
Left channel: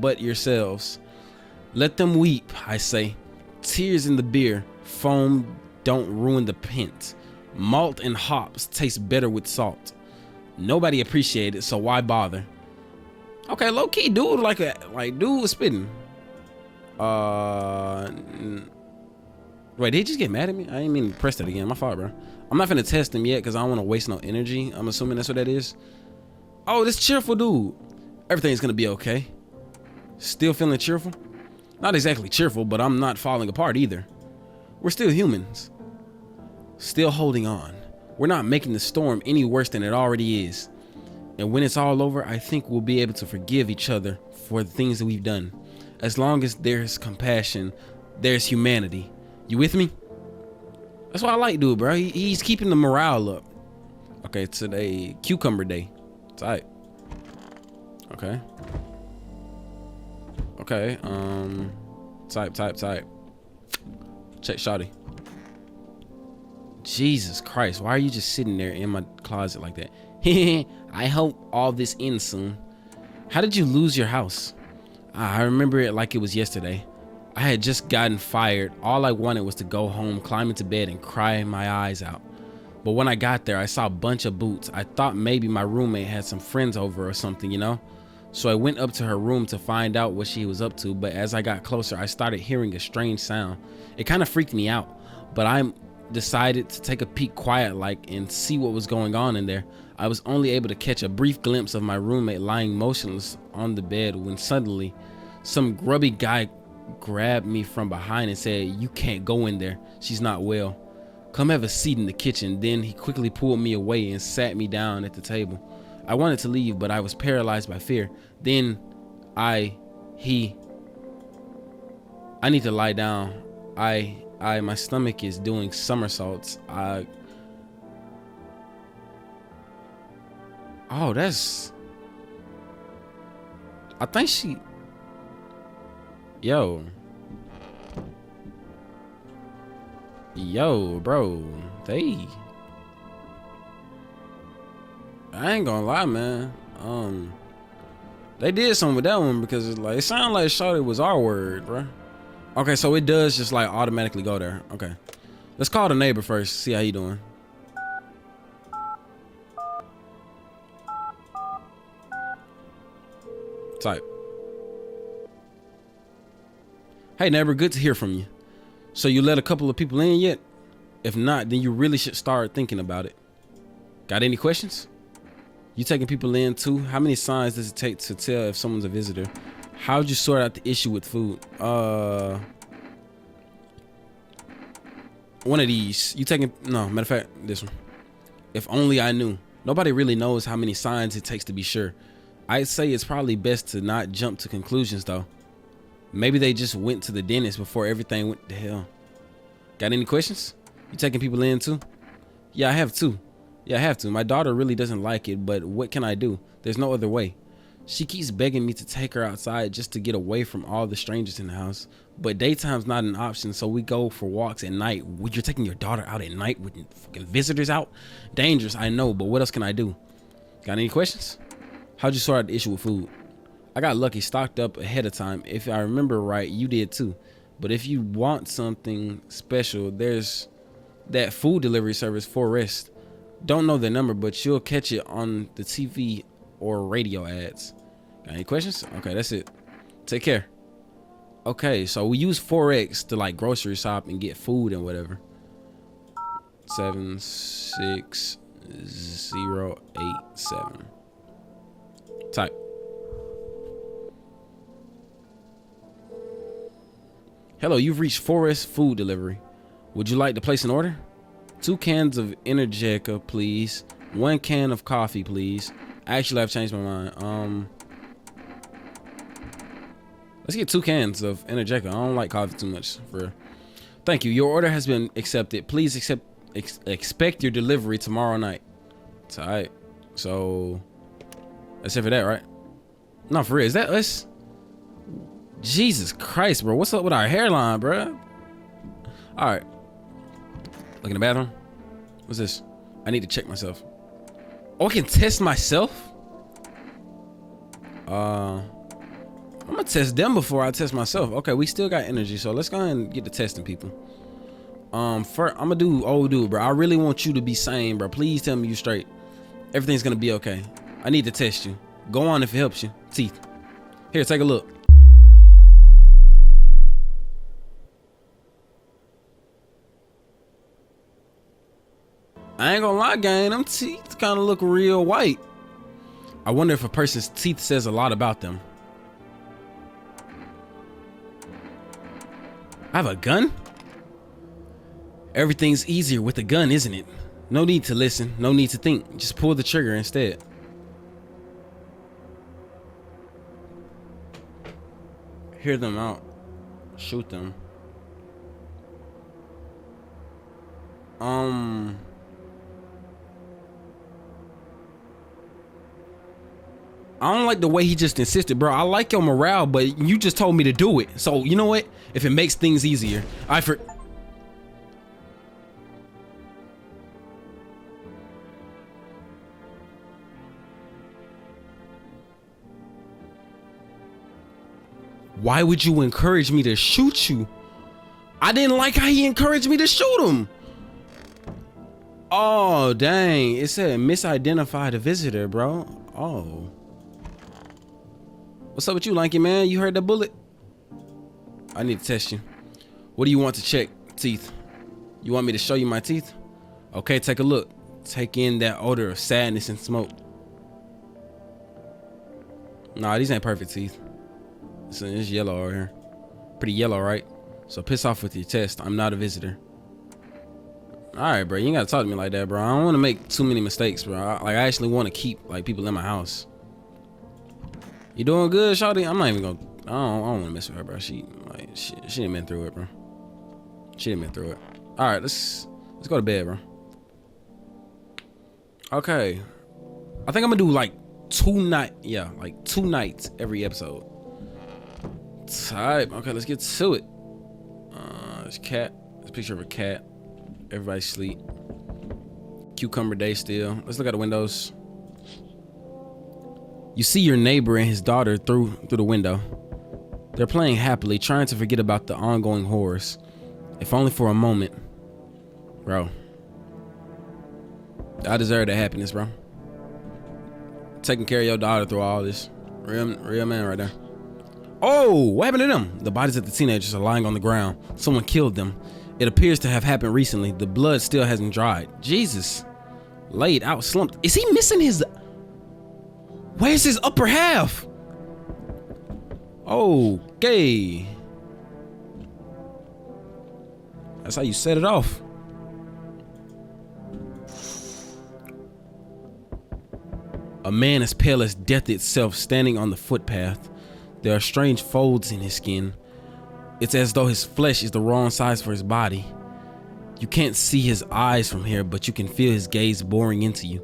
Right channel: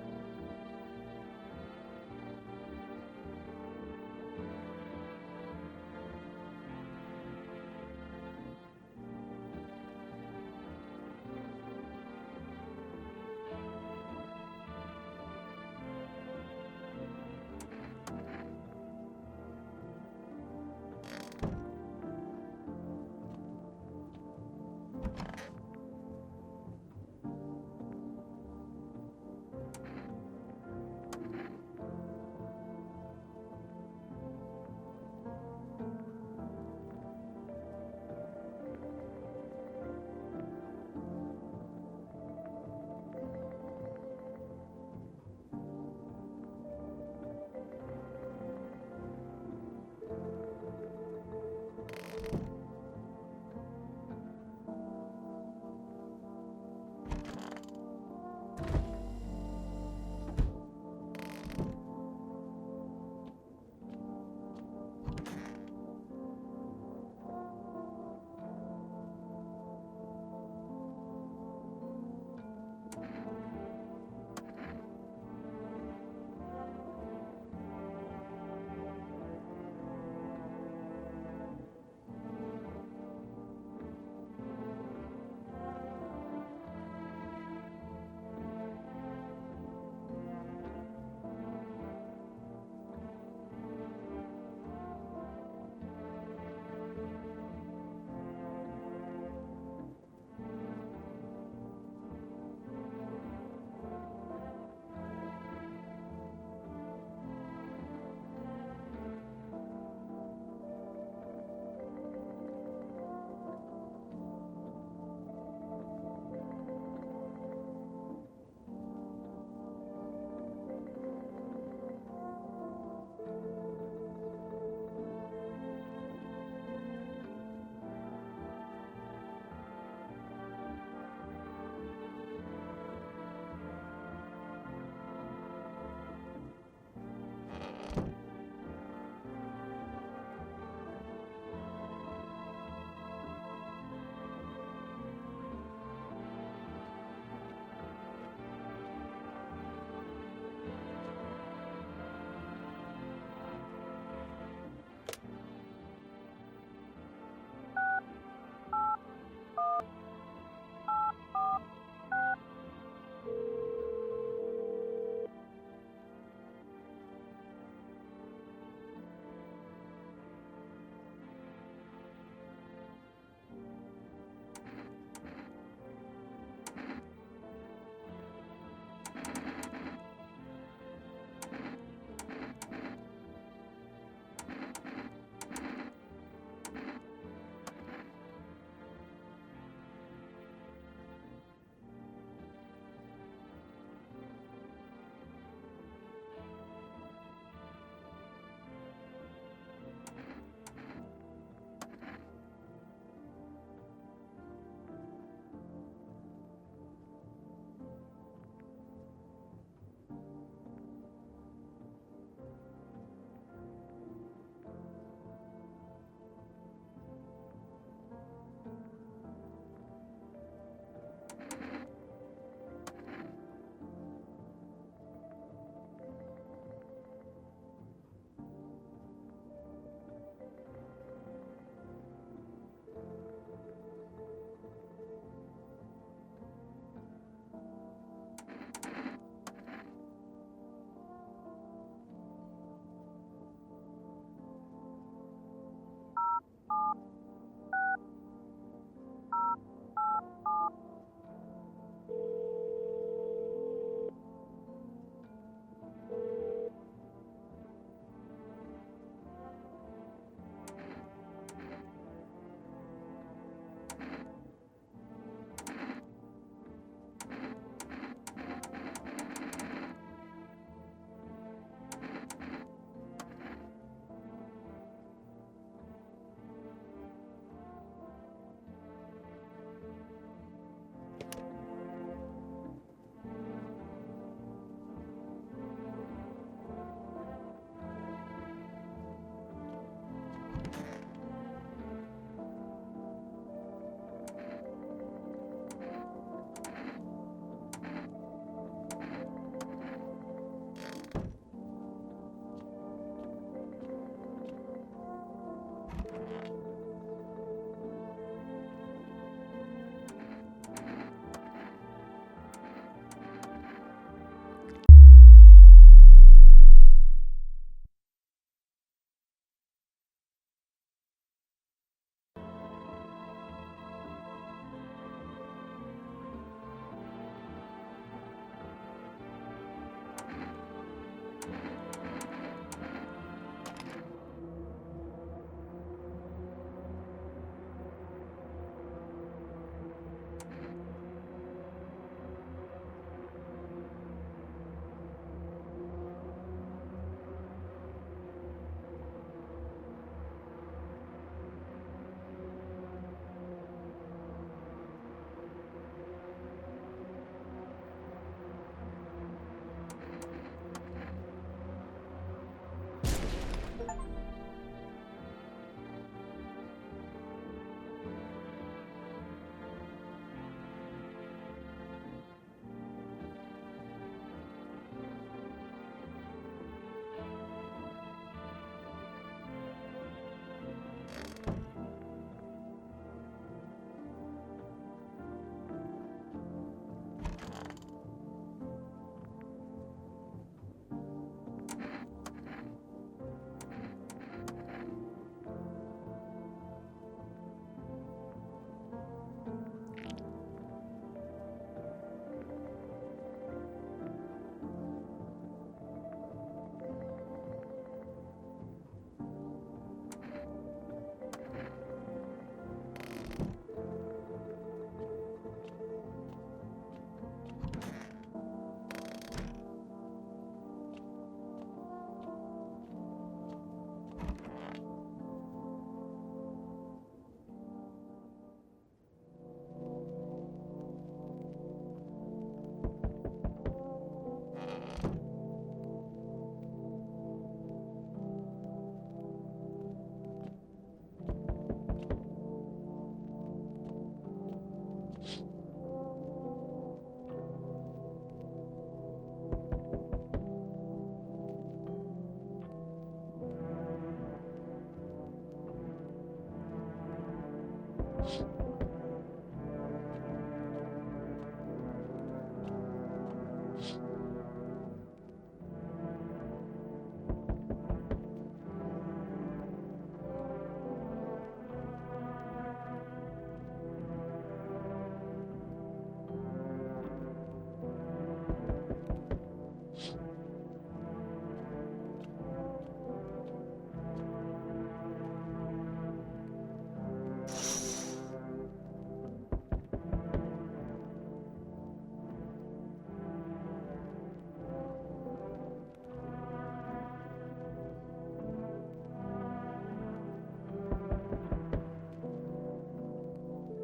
but yourselves. Let them weep," I say. Tears in the beer, foam don't ruin the pint. Malt and hops taste better with salt. Nobody appreciated it, so why bother? Okay, low key, dude, dude was spitting. Wait, did he just get mad at me? I didn't mean to press that again. My fault, bro. I'm not finna test him yet because I don't want to waste no energy. I'm assuming that's what that is. Oh, this cheerful dude. Everything's gonna be okay. Still feeling cheerful? Not exactly cheerful, but I'm not falling apart either. We're still humans. Still holding on. We're not making the storm any worse than it already is. And when it's all over, I think we'll be able to forgive each other for the things that we've done. As long as there's compassion, there's humanity. You with me? That's what I like, dude, bro. He's keeping the morale up. Okay, today, cucumber day. Tight. Okay. Okay, type. Check shawty. Jesus Christ, why are you just sitting there in my closet like that? I hope all this ends soon. How did you lose your house? I remember it like it was yesterday. I had just gotten fired. All I wanted was to go home, climb into bed, and cry my eyes out. But when I got there, I saw a bunch of boots. I thought maybe my roommate had some friends over or something, you know? So I went up to her room to find out what she was up to, but as I got closer, I started hearing a strange sound. It kind of freaked me out, but I decided to take a peek quiet like and see what was going on in there. I was only able to catch a brief glimpse of my roommate lying motionless on the bed when suddenly some grubby guy grabbed me from behind and said, "You can't go in there. She's not well. Come have a seat in the kitchen." Then he quickly pulled me away and sat me down at the table. I wanted to leave, but I was paralyzed by fear. Then I need to lie down. My stomach is doing somersaults. Oh, that's, I think she, yo, bro, I ain't gonna lie, man. They did something with that one because it's like, it sounded like shawty was our word, bro. Okay, so it does just like automatically go there. Okay, let's call the neighbor first, see how he doing. Type. Hey neighbor, good to hear from you. So you let a couple of people in yet? If not, then you really should start thinking about it. Got any questions? You taking people in too? How many signs does it take to tell if someone's a visitor? How'd you sort out the issue with food? One of these. You taking, no, matter of fact, this one. If only I knew. Nobody really knows how many signs it takes to be sure. I'd say it's probably best to not jump to conclusions though. Maybe they just went to the dentist before everything went to hell. Got any questions? You taking people in too? Yeah, I have to. My daughter really doesn't like it, but what can I do? There's no other way. She keeps begging me to take her outside just to get away from all the strangers in the house. But daytime's not an option, so we go for walks at night. You're taking your daughter out at night with fucking visitors out? Dangerous, I know, but what else can I do? Got any questions? How'd you sort out the issue with food? I got lucky, stocked up ahead of time. If I remember right, you did too. But if you want something special, there's that food delivery service, Forest. Don't know the number, but you'll catch it on the TV or radio ads. Got any questions? Okay, that's it. Take care. Okay, so we use Forex to like grocery shop and get food and whatever. 76087. Type. Hello, you've reached Forest Food Delivery. Would you like to place an order? 2 cans of Energeca, please. 1 can of coffee, please. Actually, I've changed my mind. Let's get 2 cans of Energeca. I don't like coffee too much. Thank you. Your order has been accepted. Please expect your delivery tomorrow night. It's all right. So that's it for that, right? No, for real. Is that us? Jesus Christ, bro. What's up with our hairline, bro? All right. Look in the bathroom. What's this? I need to check myself. Oh, I can test myself? I'm gonna test them before I test myself. Okay, we still got energy, so let's go ahead and get to testing people. First, I'm gonna do old dude, bro. I really want you to be sane, bro. Please tell me you straight. Everything's gonna be okay. I need to test you. Go on if it helps you. Teeth. Here, take a look. I ain't gonna lie, gang, them teeth kind of look real white. I wonder if a person's teeth says a lot about them. I have a gun? Everything's easier with a gun, isn't it? No need to listen, no need to think. Just pull the trigger instead. hear them out. Shoot them. I don't like the way he just insisted, bro. I like your morale, but you just told me to do it. So, you know what? If it makes things easier, Why would you encourage me to shoot you? I didn't like how he encouraged me to shoot him. Oh, dang. It said misidentified a visitor, bro. Oh. What's up with you, lanky man? You heard that bullet? I need to test you. What do you want to check? Teeth. You want me to show you my teeth? Okay, take a look. Take in that odor of sadness and smoke. Nah, these ain't perfect teeth. It's yellow over here. Pretty yellow, right? So piss off with your test. I'm not a visitor. Alright, bro. You ain't gotta talk to me like that, bro. I don't want to make too many mistakes, bro. I actually want to keep like people in my house. You doing good, shawty? I'm not even gonna. I don't want to mess with her, bro. She didn't been through it, bro. She didn't been through it. All right, let's go to bed, bro. Okay, I think I'm gonna do like 2 nights every episode. Type. Okay, let's get to it. There's a cat. There's a picture of a cat. Everybody sleep. Cucumber day still. Let's look at the windows. You see your neighbor and his daughter through the window. They're playing happily, trying to forget about the ongoing horrors. If only for a moment. Bro. I deserve that happiness, bro. Taking care of your daughter through all this. Real man right there. Oh, what happened to them? The bodies of the teenagers are lying on the ground. Someone killed them. It appears to have happened recently. The blood still hasn't dried. Jesus. Laid out, slumped. Is he missing his... Where's his upper half? Okay. That's how you set it off. A man as pale as death itself standing on the footpath. There are strange folds in his skin. It's as though his flesh is the wrong size for his body. You can't see his eyes from here, but you can feel his gaze boring into you.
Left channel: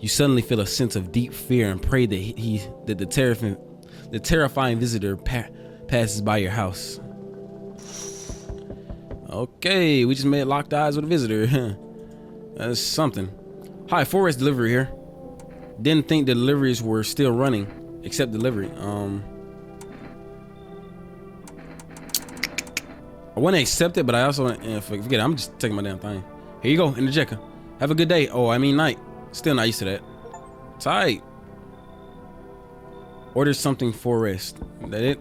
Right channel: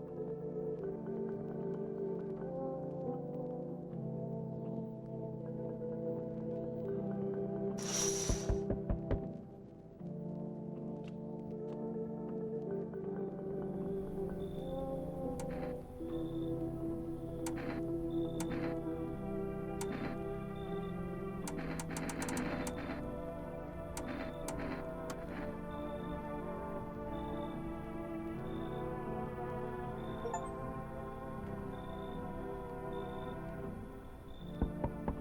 You suddenly feel a sense of deep fear and pray that the terrifying visitor passes by your house. Okay, we just made locked eyes with a visitor. That's something. Hi, Forest Delivery here. Didn't think the deliveries were still running, except delivery. I want to accept it, but I also forget it. I'm just taking my damn thing. Here you go, interjector. Have a good day. Oh, I mean night. Still not used to that. Tight. Order something for rest. That it?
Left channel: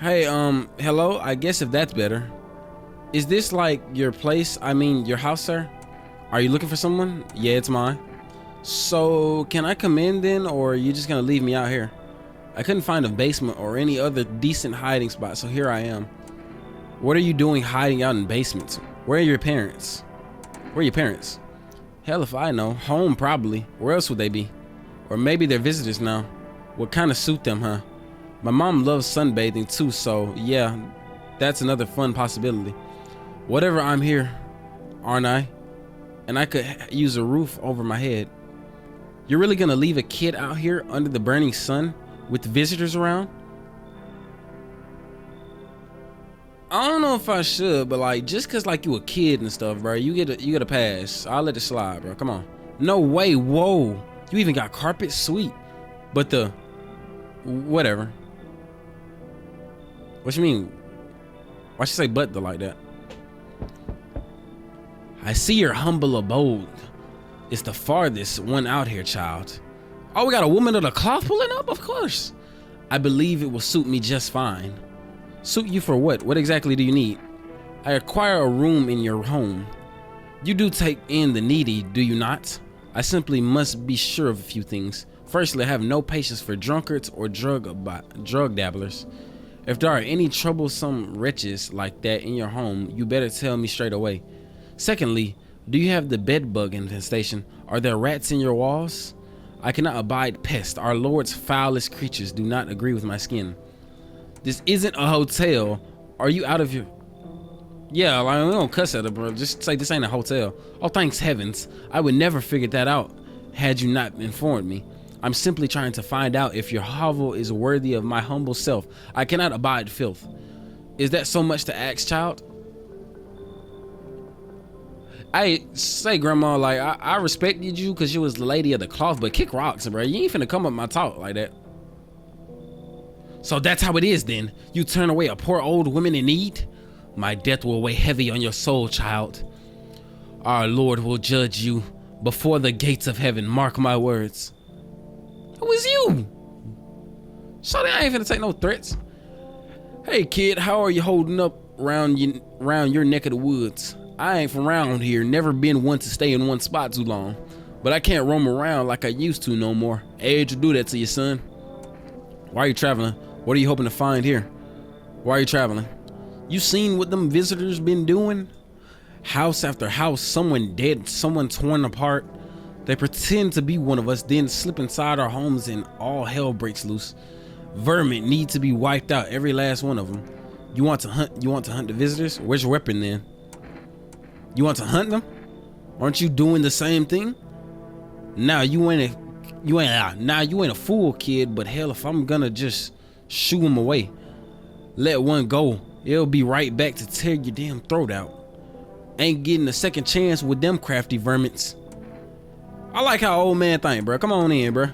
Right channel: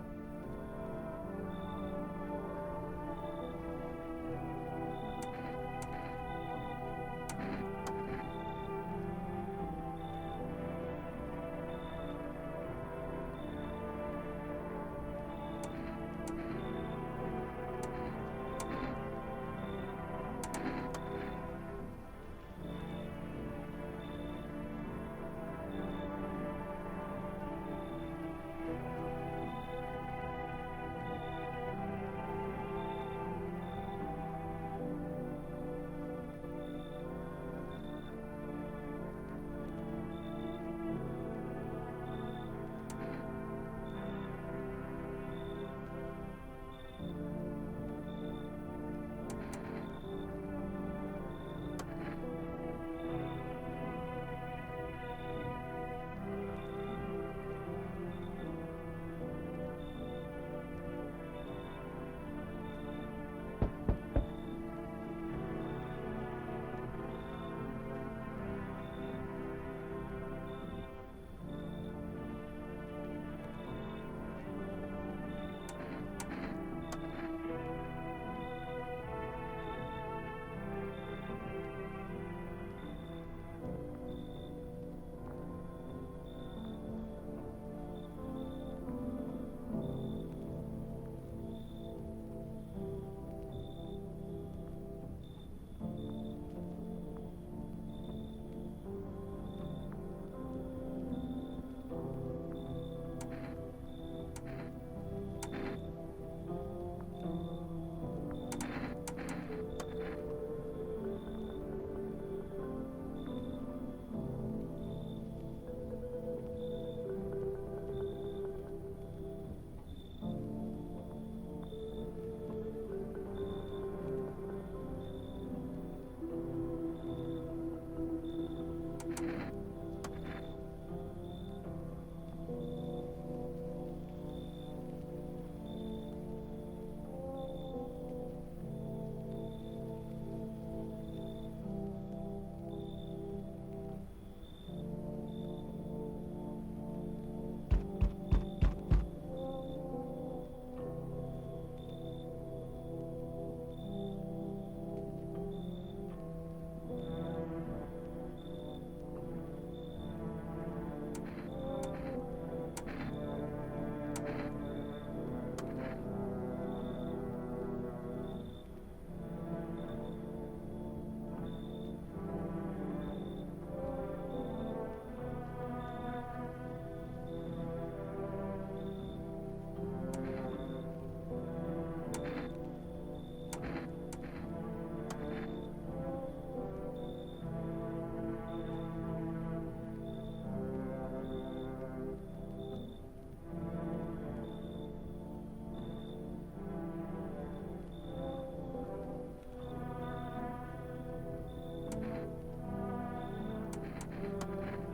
Hey, hello. I guess if that's better. Is this like your place? I mean, your house, sir? Are you looking for someone? Yeah, it's mine. So, can I come in then, or are you just gonna leave me out here? I couldn't find a basement or any other decent hiding spot, so here I am. What are you doing hiding out in basements? Where are your parents? Where are your parents? Hell if I know. Home probably. Where else would they be? Or maybe they're visitors now. Would kind of suit them, huh? My mom loves sunbathing too, so yeah, that's another fun possibility. Whatever, I'm here, aren't I? And I could use a roof over my head. You're really gonna leave a kid out here under the burning sun with visitors around? I don't know if I should, but like, just cause like you a kid and stuff, bro, you get a pass. I'll let it slide, bro. Come on. No way. Whoa. You even got carpet? Sweet. But the whatever. What you mean? Why should I say but the like that? I see your humble abode. It's the farthest one out here, child. Oh, we got a woman of the cloth pulling up? Of course. I believe it will suit me just fine. Suit you for what? What exactly do you need? I acquire a room in your home. You do take in the needy, do you not? I simply must be sure of a few things. Firstly, I have no patience for drunkards or drug dabblers. If there are any troublesome wretches like that in your home, you better tell me straight away. Secondly, do you have the bedbug infestation? Are there rats in your walls? I cannot abide pests. Our Lord's foulest creatures do not agree with my skin. This isn't a hotel. Are you out of your... Yeah, like, we don't cuss at her, bro. Just say this ain't a hotel. Oh, thanks heavens. I would never figure that out had you not informed me. I'm simply trying to find out if your hovel is worthy of my humble self. I cannot abide filth. Is that so much to ask, child? I say, Grandma, like, I respected you because you was the lady of the cloth, but kick rocks, bro. You ain't finna come up my talk like that. So that's how it is then. You turn away a poor old woman in need? My death will weigh heavy on your soul, child. Our Lord will judge you before the gates of heaven. Mark my words. Who is you? Shawty, I ain't finna take no threats. Hey kid, how are you holding up around your neck of the woods? I ain't from around here, never been one to stay in one spot too long. But I can't roam around like I used to no more. Age will do that to you, son. Why are you traveling? What are you hoping to find here? Why are you traveling? You seen what them visitors been doing? House after house, someone dead, someone torn apart. They pretend to be one of us, then slip inside our homes and all hell breaks loose. Vermin need to be wiped out, every last one of them. You want to hunt the visitors? Where's your weapon then? You want to hunt them? Aren't you doing the same thing? Now you ain't a fool, kid, but hell, if I'm gonna just shoo them away, let one go, it'll be right back to tear your damn throat out. Ain't getting a second chance with them crafty vermins. I like how old man think, bro. Come on in, bro.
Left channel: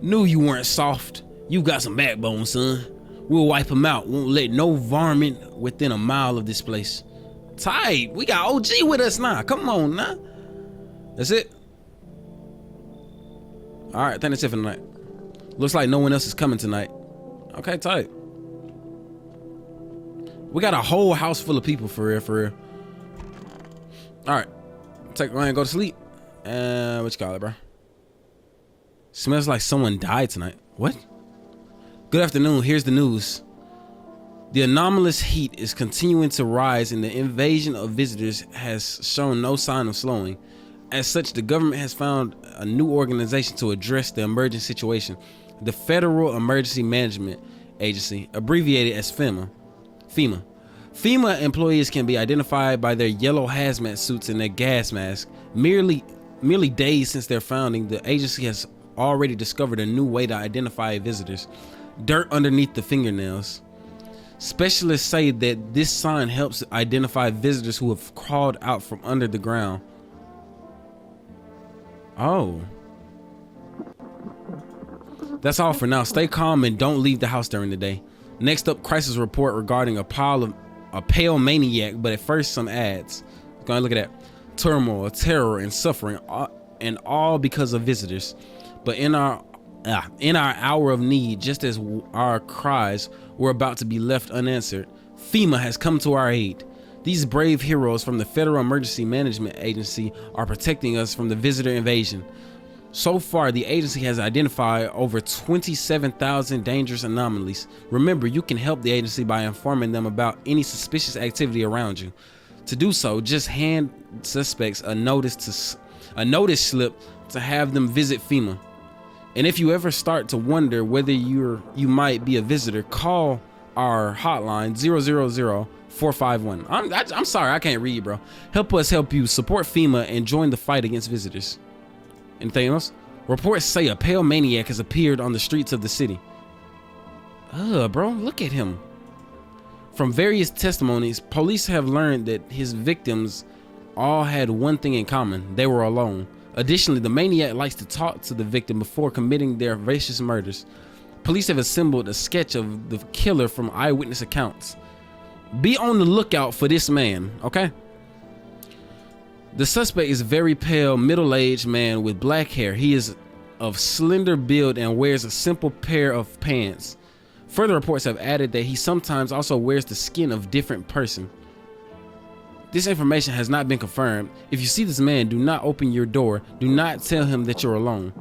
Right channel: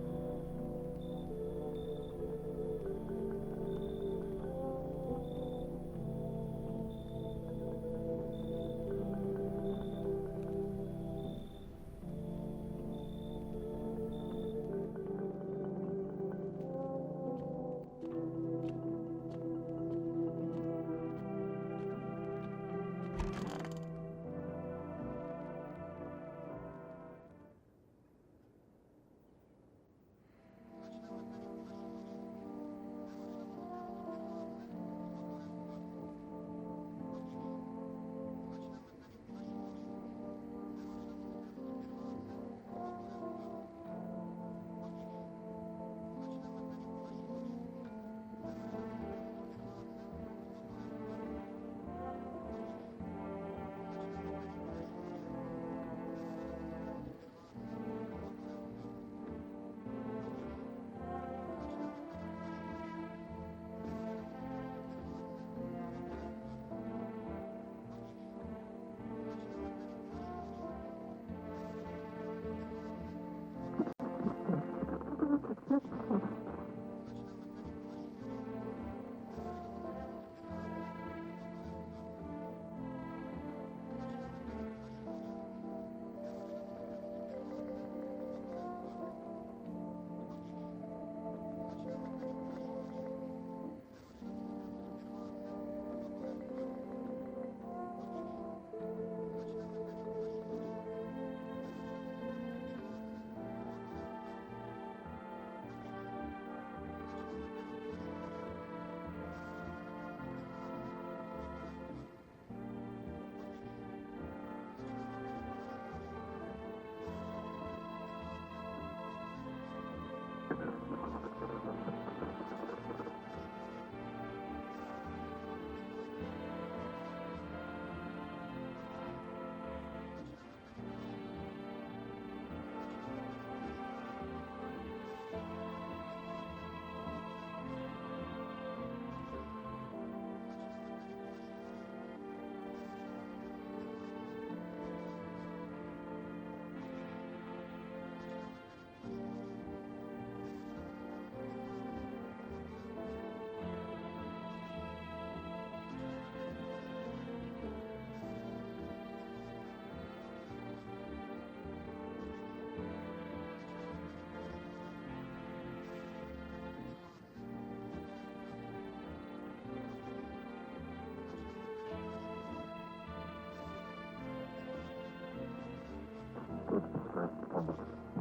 Knew you weren't soft. You got some backbone, son. We'll wipe him out. Won't let no varmint within a mile of this place. Tight. We got OG with us now. Come on now. That's it. All right, I think that's it for tonight. Looks like no one else is coming tonight. Okay, tight. We got a whole house full of people for real, for real. All right, take Ryan, go to sleep. What you call it, bro? Smells like someone died tonight. What? Good afternoon, here's the news. The anomalous heat is continuing to rise and the invasion of visitors has shown no sign of slowing. As such, the government has found a new organization to address the emerging situation, the Federal Emergency Management Agency, abbreviated as FEMA. FEMA employees can be identified by their yellow hazmat suits and their gas masks. Merely days since their founding, the agency has already discovered a new way to identify visitors: dirt underneath the fingernails. Specialists say that this sign helps identify visitors who have crawled out from under the ground. Oh. That's all for now. Stay calm and don't leave the house during the day. Next up, crisis report regarding a pale maniac, but at first some ads. Go ahead and look at that. Turmoil, terror, and suffering, and all because of visitors. But in our hour of need, just as our cries were about to be left unanswered, FEMA has come to our aid. These brave heroes from the Federal Emergency Management Agency are protecting us from the visitor invasion. So far, the agency has identified over 27,000 dangerous anomalies. Remember, you can help the agency by informing them about any suspicious activity around you. To do so, just hand suspects a notice slip to have them visit FEMA. And if you ever start to wonder whether you might be a visitor, call our hotline 000-451. I'm sorry, I can't read, bro. Help us help you. Support FEMA and join the fight against visitors. Anything else? Reports say a pale maniac has appeared on the streets of the city. Bro, look at him. From various testimonies, police have learned that his victims all had one thing in common: they were alone. Additionally, the maniac likes to talk to the victim before committing their vicious murders. Police have assembled a sketch of the killer from eyewitness accounts. Be on the lookout for this man, okay? The suspect is a very pale, middle-aged man with black hair. He is of slender build and wears a simple pair of pants. Further reports have added that he sometimes also wears the skin of a different person. This information has not been confirmed. If you see this man, do not open your door. Do not tell him that you're alone.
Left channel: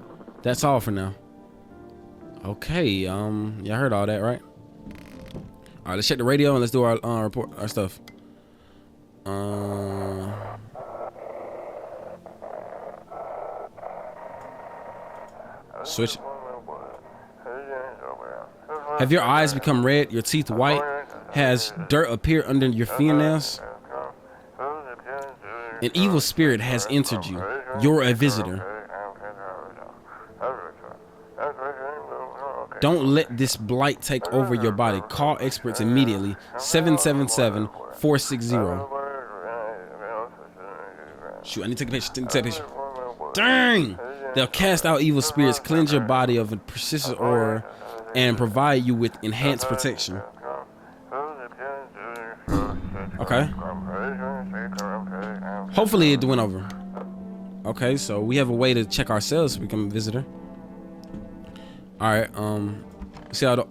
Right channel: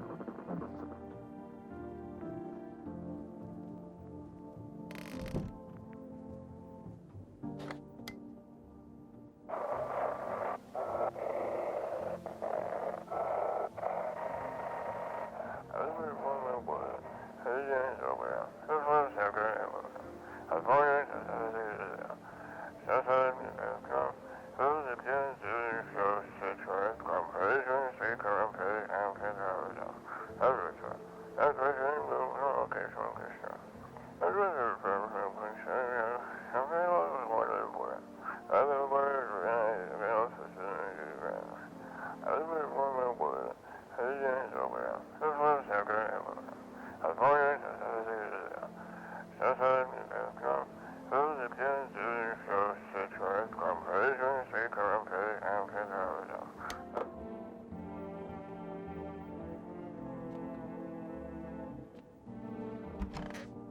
That's all for now. Okay, y'all heard all that, right? All right, let's check the radio and let's do our report, our stuff. Switch. Have your eyes become red, your teeth white? Has dirt appear under your fingernails? An evil spirit has entered you. You're a visitor. Don't let this blight take over your body. Call experts immediately. 777-460. Shoot, I need to take a picture. Dang! They'll cast out evil spirits, cleanse your body of a persistent aura, and provide you with enhanced protection. Okay. Hopefully it went over. Okay, so we have a way to check ourselves to become a visitor. Alright, see how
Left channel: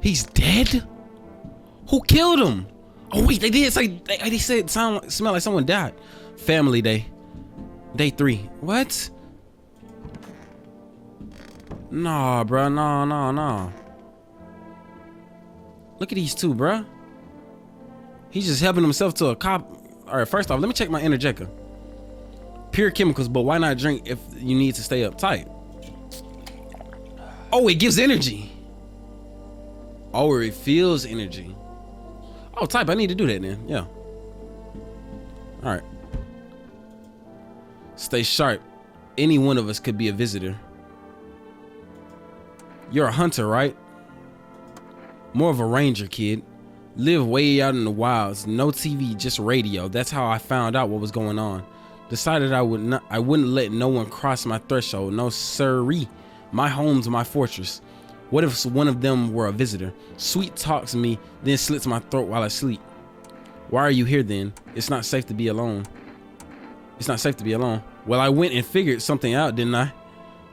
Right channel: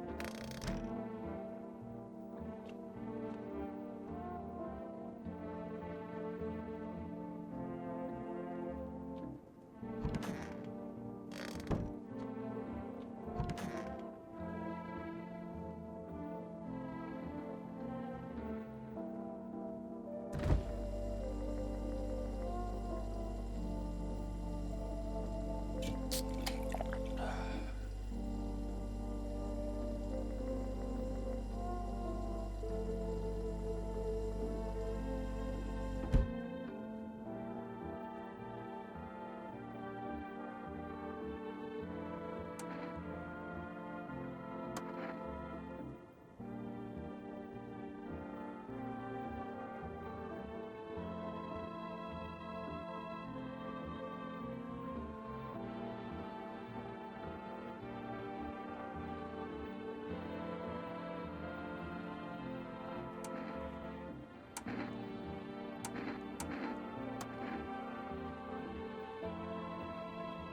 he's dead? Who killed him? Oh wait, they did say they said smell like someone died. Family day. Day 3. What? Nah, bro. Nah. Look at these two, bro. He's just helping himself to a cop. All right, first off, let me check my energetica. Pure chemicals, but why not drink if you need to stay uptight? Oh, it gives energy. Oh, it feels energy. Oh, type, I need to do that then. Yeah. All right. Stay sharp. Any one of us could be a visitor. You're a hunter, right? More of a ranger, kid. Live way out in the wilds. No TV, just radio. That's how I found out what was going on. Decided I wouldn't let no one cross my threshold. No siree. My home's my fortress. What if one of them were a visitor? Sweet talks me, then slits my throat while I sleep. Why are you here then? It's not safe to be alone. It's not safe to be alone. Well, I went and figured something out, didn't I?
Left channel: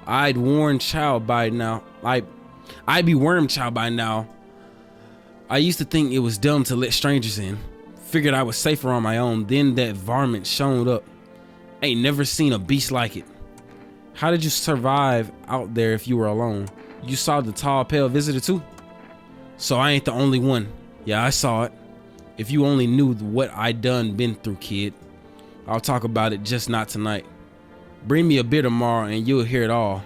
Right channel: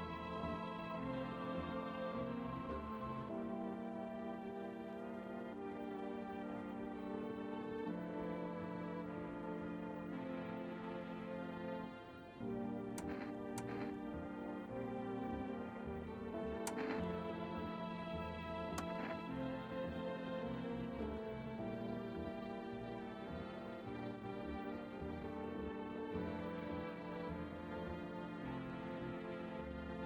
I'd warn child by now. I'd be worm child by now. I used to think it was dumb to let strangers in. Figured I was safer on my own. Then that varmint showed up. Ain't never seen a beast like it. How did you survive out there if you were alone? You saw the tall, pale visitor too? So I ain't the only one. Yeah, I saw it. If you only knew what I been through, kid. I'll talk about it, just not tonight. Bring me a beer tomorrow and you'll hear it all.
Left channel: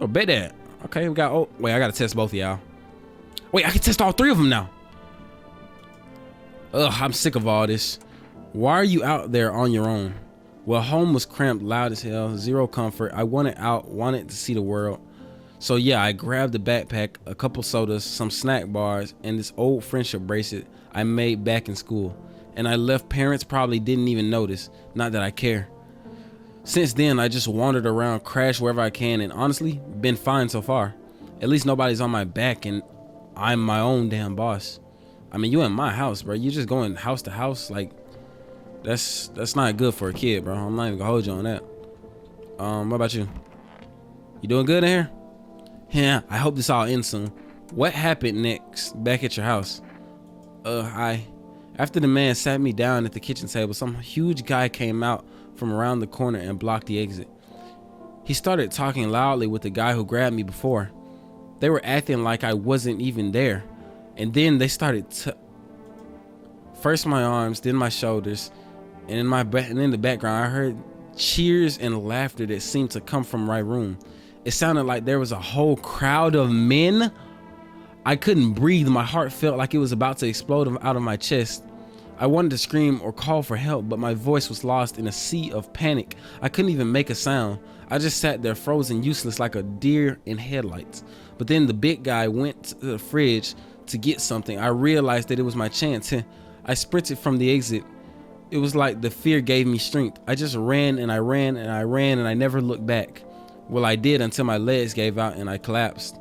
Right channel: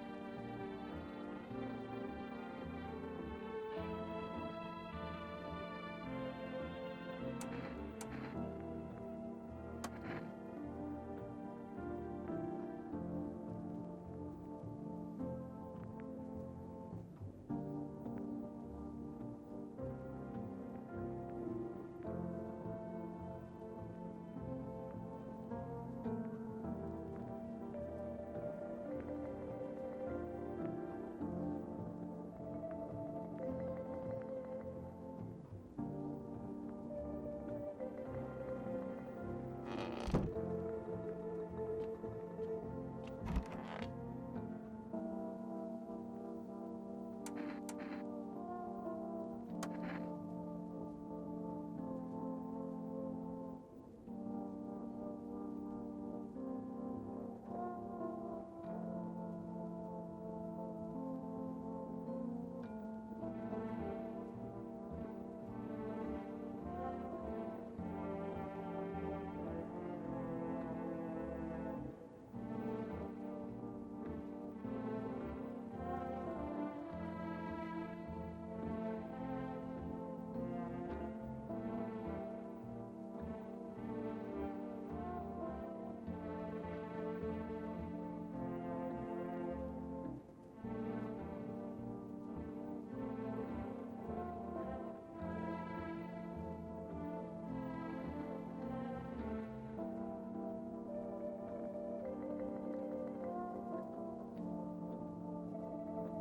Oh, bet that. Okay, we got, oh, wait, I gotta test both of y'all. Wait, I can test all 3 of them now. Ugh, I'm sick of all this. Why are you out there on your own? Well, home was cramped, loud as hell, zero comfort. I wanted out, wanted to see the world. So yeah, I grabbed a backpack, a couple sodas, some snack bars, and this old friendship bracelet I made back in school. And I left. Parents probably didn't even notice, not that I care. Since then, I just wandered around, crashed wherever I can, and honestly, been fine so far. At least nobody's on my back and I'm my own damn boss. I mean, you in my house, bro. You just going house to house, like, that's not good for a kid, bro. I'm not even gonna hold you on that. What about you? You doing good in here? Yeah, I hope this all ends soon. What happened next back at your house? After the man sat me down at the kitchen table, some huge guy came out from around the corner and blocked the exit. He started talking loudly with the guy who grabbed me before. They were acting like I wasn't even there. And then they started first my arms, then my shoulders, and in the background I heard cheers and laughter that seemed to come from my room. It sounded like there was a whole crowd of men. I couldn't breathe. My heart felt like it was about to explode out of my chest. I wanted to scream or call for help, but my voice was lost in a sea of panic. I couldn't even make a sound. I just sat there frozen, useless, like a deer in headlights. But then the big guy went to the fridge to get something. I realized that it was my chance. I sprinted from the exit. It was like the fear gave me strength. I just ran and I ran and I ran and I never looked back. Well, I did until my legs gave out and I collapsed.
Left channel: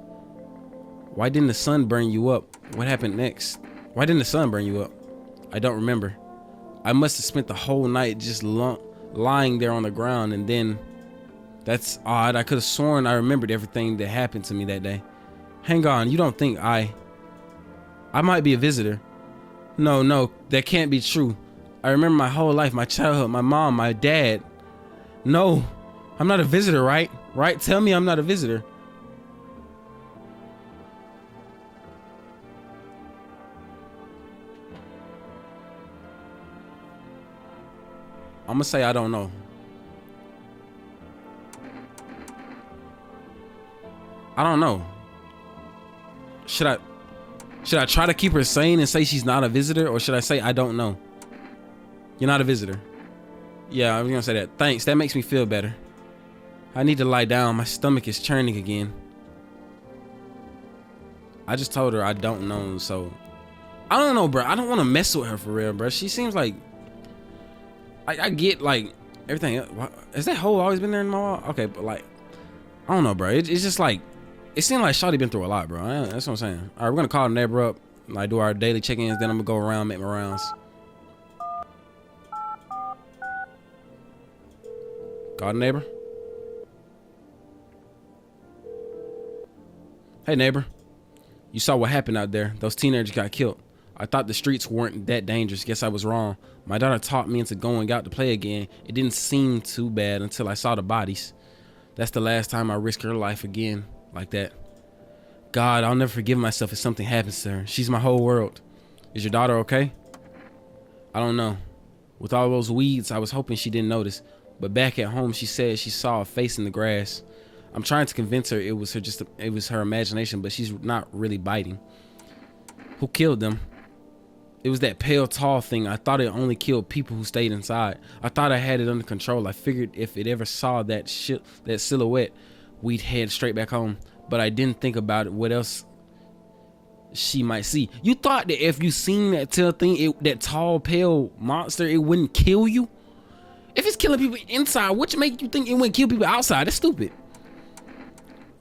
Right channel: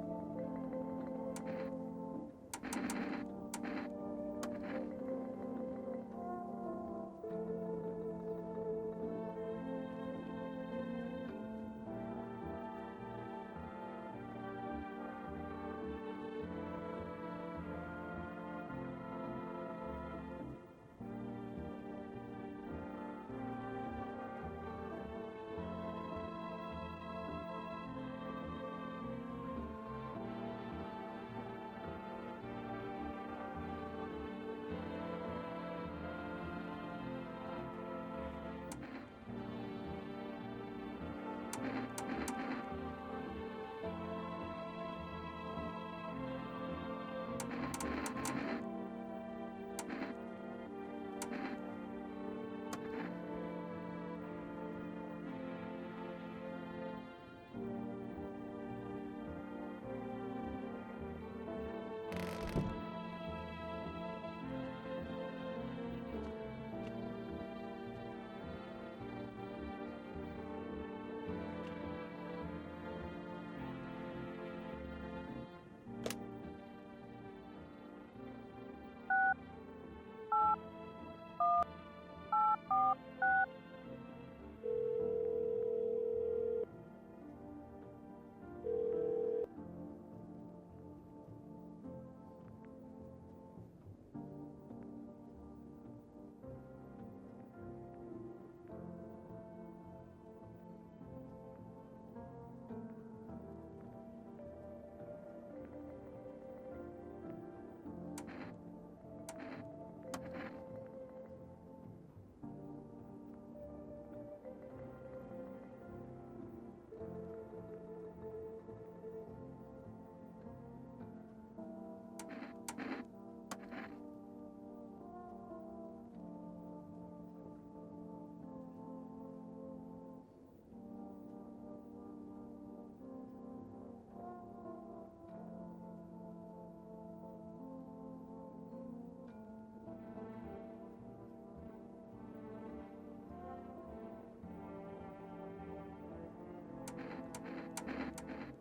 Why didn't the sun burn you up? What happened next? Why didn't the sun burn you up? I don't remember. I must have spent the whole night just lying there on the ground, and then that's odd. I could have sworn I remembered everything that happened to me that day. Hang on, you don't think I might be a visitor? No, that can't be true. I remember my whole life, my childhood, my mom, my dad. No, I'm not a visitor, right? Right? Tell me I'm not a visitor. I'm gonna say I don't know. I don't know. Should I try to keep her sane and say she's not a visitor, or should I say I don't know? You're not a visitor. Yeah, I'm gonna say that. Thanks, that makes me feel better. I need to lie down. My stomach is churning again. I just told her I don't know, so I don't know, bro. I don't want to mess with her for real, bro. She seems like I get like everything. Has that hole always been there in my wall? Okay, but like I don't know, bro. It's just like it seemed like Shawty been through a lot, bro. That's what I'm saying. All right, we're gonna call the neighbor up, like do our daily check-ins. Then I'm gonna go around, make my rounds. Call the neighbor. Hey neighbor, you saw what happened out there. Those teenagers got killed. I thought the streets weren't that dangerous. Guess I was wrong. My daughter talked me into going out to play again. It didn't seem too bad until I saw the bodies. That's the last time I risk her life again like that. God, I'll never forgive myself if something happens to her. She's my whole world. Is your daughter okay? I don't know. With all those weeds, I was hoping she didn't notice. But back at home, she said she saw a face in the grass. I'm trying to convince her it was her imagination, but she's not really biting. Who killed them? It was that pale, tall thing. I thought it only killed people who stayed inside. I thought I had it under control. I figured if it ever saw that silhouette, we'd head straight back home. But I didn't think about it. What else she might see? You thought that if you seen that tail thing, that tall, pale monster, it wouldn't kill you? If it's killing people inside, what make you think it wouldn't kill people outside? That's stupid.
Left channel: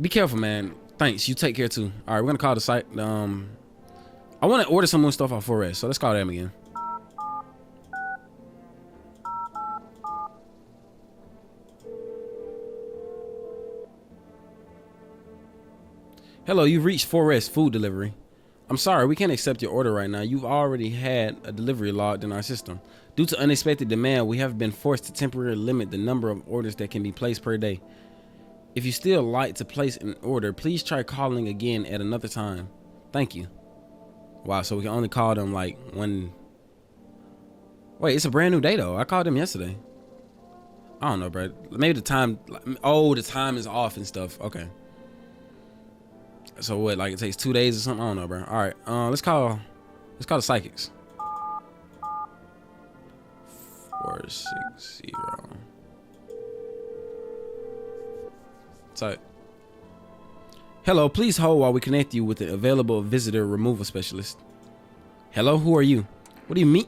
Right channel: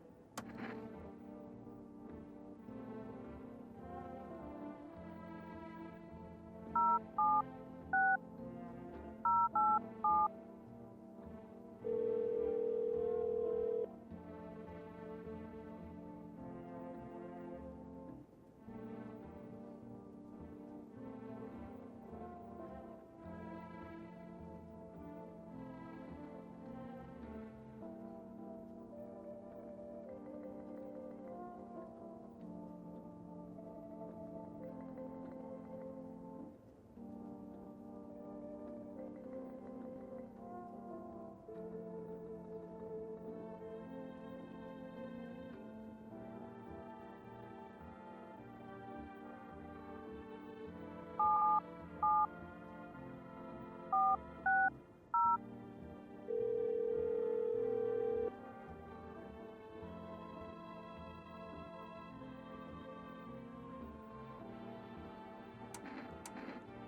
Be careful, man. Thanks. You take care too. All right, we're gonna call the site. I want to order some more stuff off 4S, so let's call them again. Hello, you've reached 4S food delivery. I'm sorry, we can't accept your order right now. You've already had a delivery logged in our system. Due to unexpected demand, we have been forced to temporarily limit the number of orders that can be placed per day. If you still like to place an order, please try calling again at another time. Thank you. Wow, so we can only call them like when... Wait, it's a brand new day though. I called them yesterday. I don't know, bro. Maybe the time... Oh, the time is off and stuff. Okay. So what, like it takes 2 days or something? I don't know, bro. All right, let's call the psychics. 460. Tight. Hello, please hold while we connect you with an available visitor removal specialist. Hello, who are you? What do you mean?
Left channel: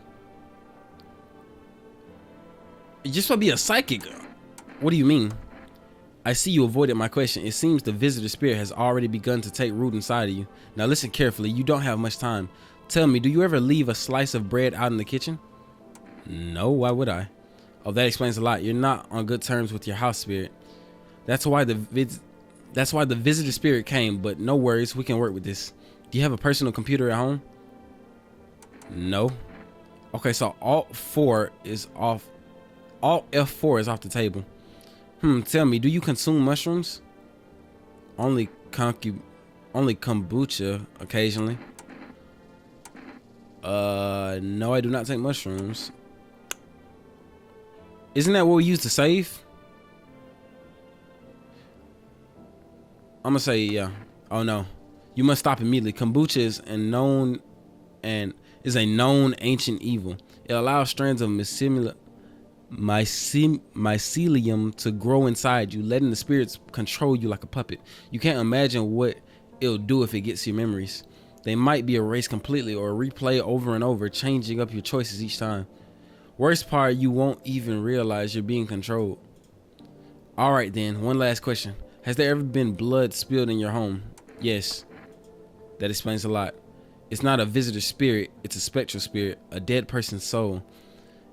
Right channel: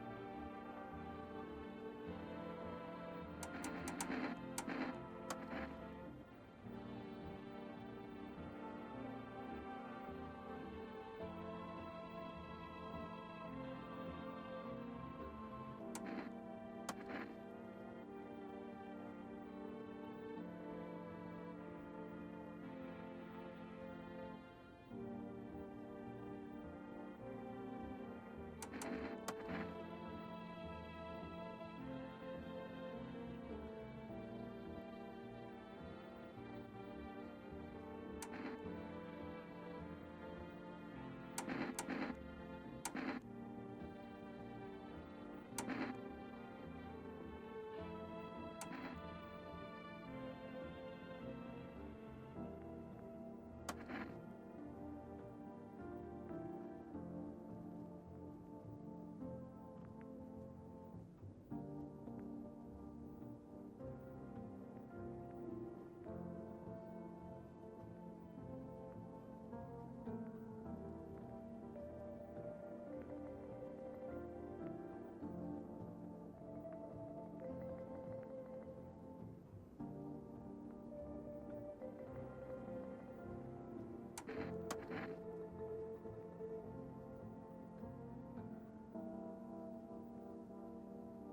You're just supposed to be a psychic. What do you mean? I see you avoided my question. It seems the visitor spirit has already begun to take root inside of you. Now listen carefully. You don't have much time. Tell me, do you ever leave a slice of bread out in the kitchen? No, why would I? Oh, that explains a lot. You're not on good terms with your house spirit. That's why the visitor spirit came, but no worries, we can work with this. Do you have a personal computer at home? No. Okay, so Alt F4 is off the table. Tell me, do you consume mushrooms? Only kombucha occasionally. No, I do not take mushrooms. Isn't that what we use to save? I'm gonna say yeah. Oh no, you must stop immediately. Kombucha is a known ancient evil. It allows strands of mycelium to grow inside you, letting the spirits control you like a puppet. You can't imagine what it'll do if it gets your memories. They might be erased completely or replay over and over, changing up your choices each time. Worst part, you won't even realize you're being controlled. All right then, one last question. Has there ever been blood spilled in your home? Yes. That explains a lot. It's not a visitor spirit, it's a spectral spirit, a dead person's soul.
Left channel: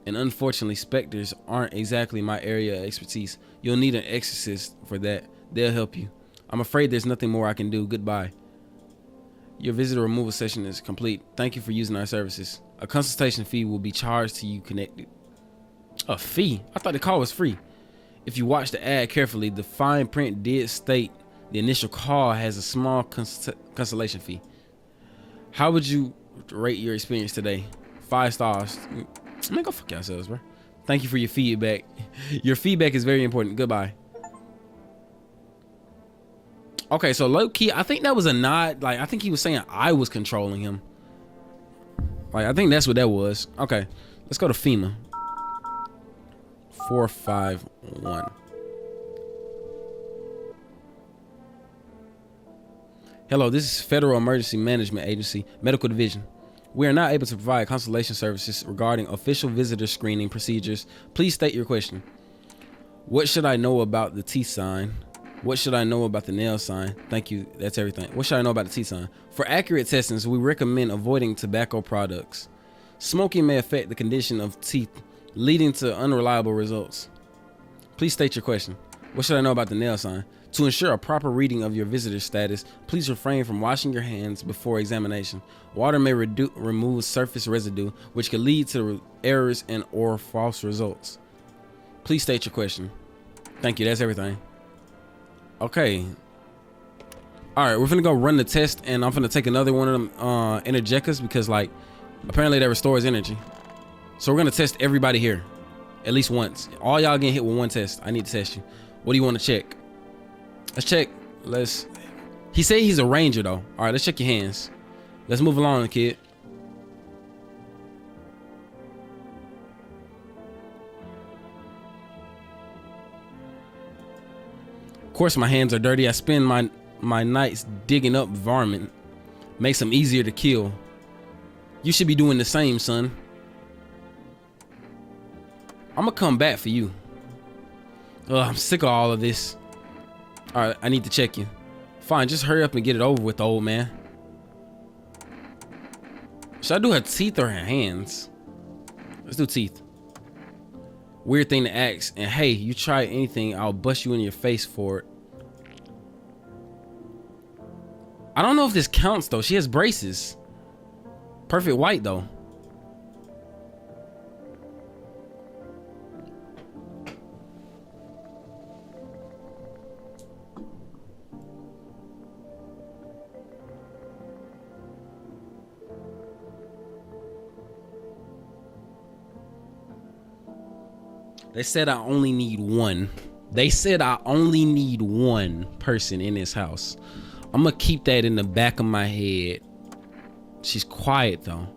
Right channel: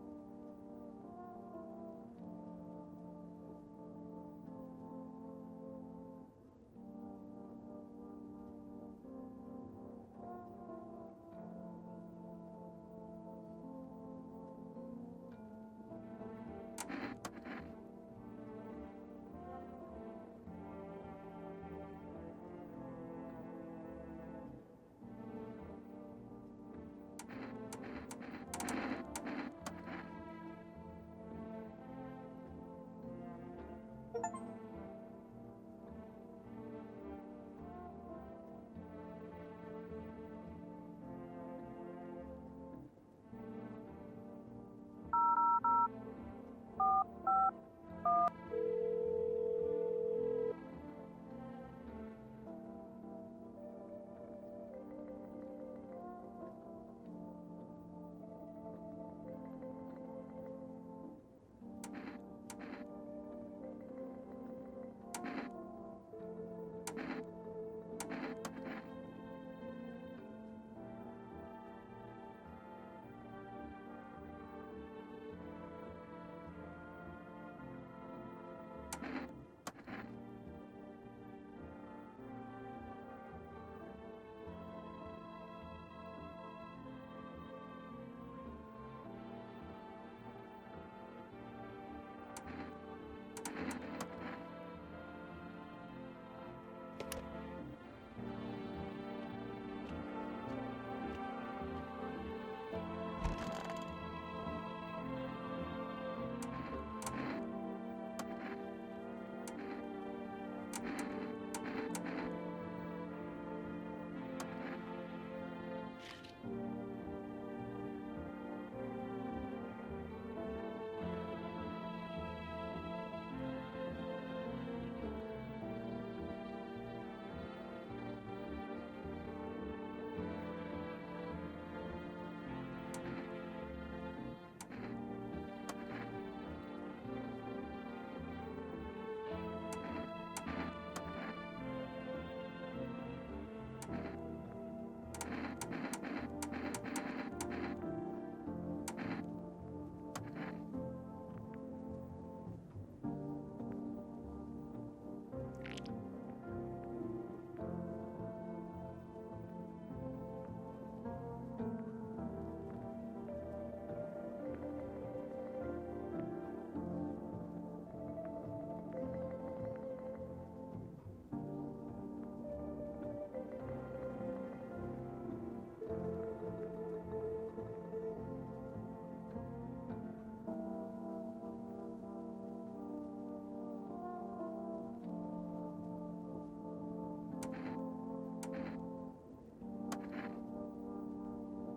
And unfortunately, specters aren't exactly my area of expertise. You'll need an exorcist for that. They'll help you. I'm afraid there's nothing more I can do. Goodbye. Your visitor removal session is complete. Thank you for using our services. A consultation fee will be charged to you connected. A fee? I thought the call was free. If you watch the ad carefully, the fine print did state the initial call has a small consultation fee. How would you rate your experience today? 5 stars. Man, go fuck yourselves, bro. Thank you for your feedback. Your feedback is very important. Goodbye. Okay, so low key, I think that was a nod. Like, I think he was saying I was controlling him. Like, I think that's what that was. Okay, let's go to FEMA. 451. Hello, this is Federal Emergency Management Agency, Medical Division. We are not able to provide consultation services regarding official visitor screening procedures. Please state your question. What should I know about the teeth sign? What should I know about the nail sign? Thank you, that's everything. What should I know about the teeth sign? For accurate testings, we recommend avoiding tobacco products. Smoking may affect the condition of teeth, leading to unreliable results. Please state your question. What should I know about the nail sign? To ensure a proper reading of your visitor status, please refrain from washing your hands before examination. Water may remove surface residue, which could lead to errors and or false results. Please state your question. Thank you, that's everything. Okay. All right, we're gonna go run the test, and I'm gonna take another one of them energeticas because, like, apparently that restores energy. So we're gonna test everybody here, at least once. All y'all getting hit with one test. I need to test you. What do you want to check? Let's check. He said he's a ranger though. All right, let's check your hands. Let's move along, kid. Of course, my hands are dirty. I spend my nights digging up varmint. Makes them easier to kill. You should be doing the same, son. I'm gonna come back for you. Ugh, I'm sick of all of this. All right, I need to check you. Fine, just hurry up and get it over with, old man. Should I do her teeth or her hands? Let's do teeth. Weird thing to ask. And hey, you try anything, I'll bust you in your face for it. I don't know if this counts though. She has braces. Perfect white though. They said I only need one. They said I only need one person in this house. I'm gonna keep that in the back of my head. She's quiet though.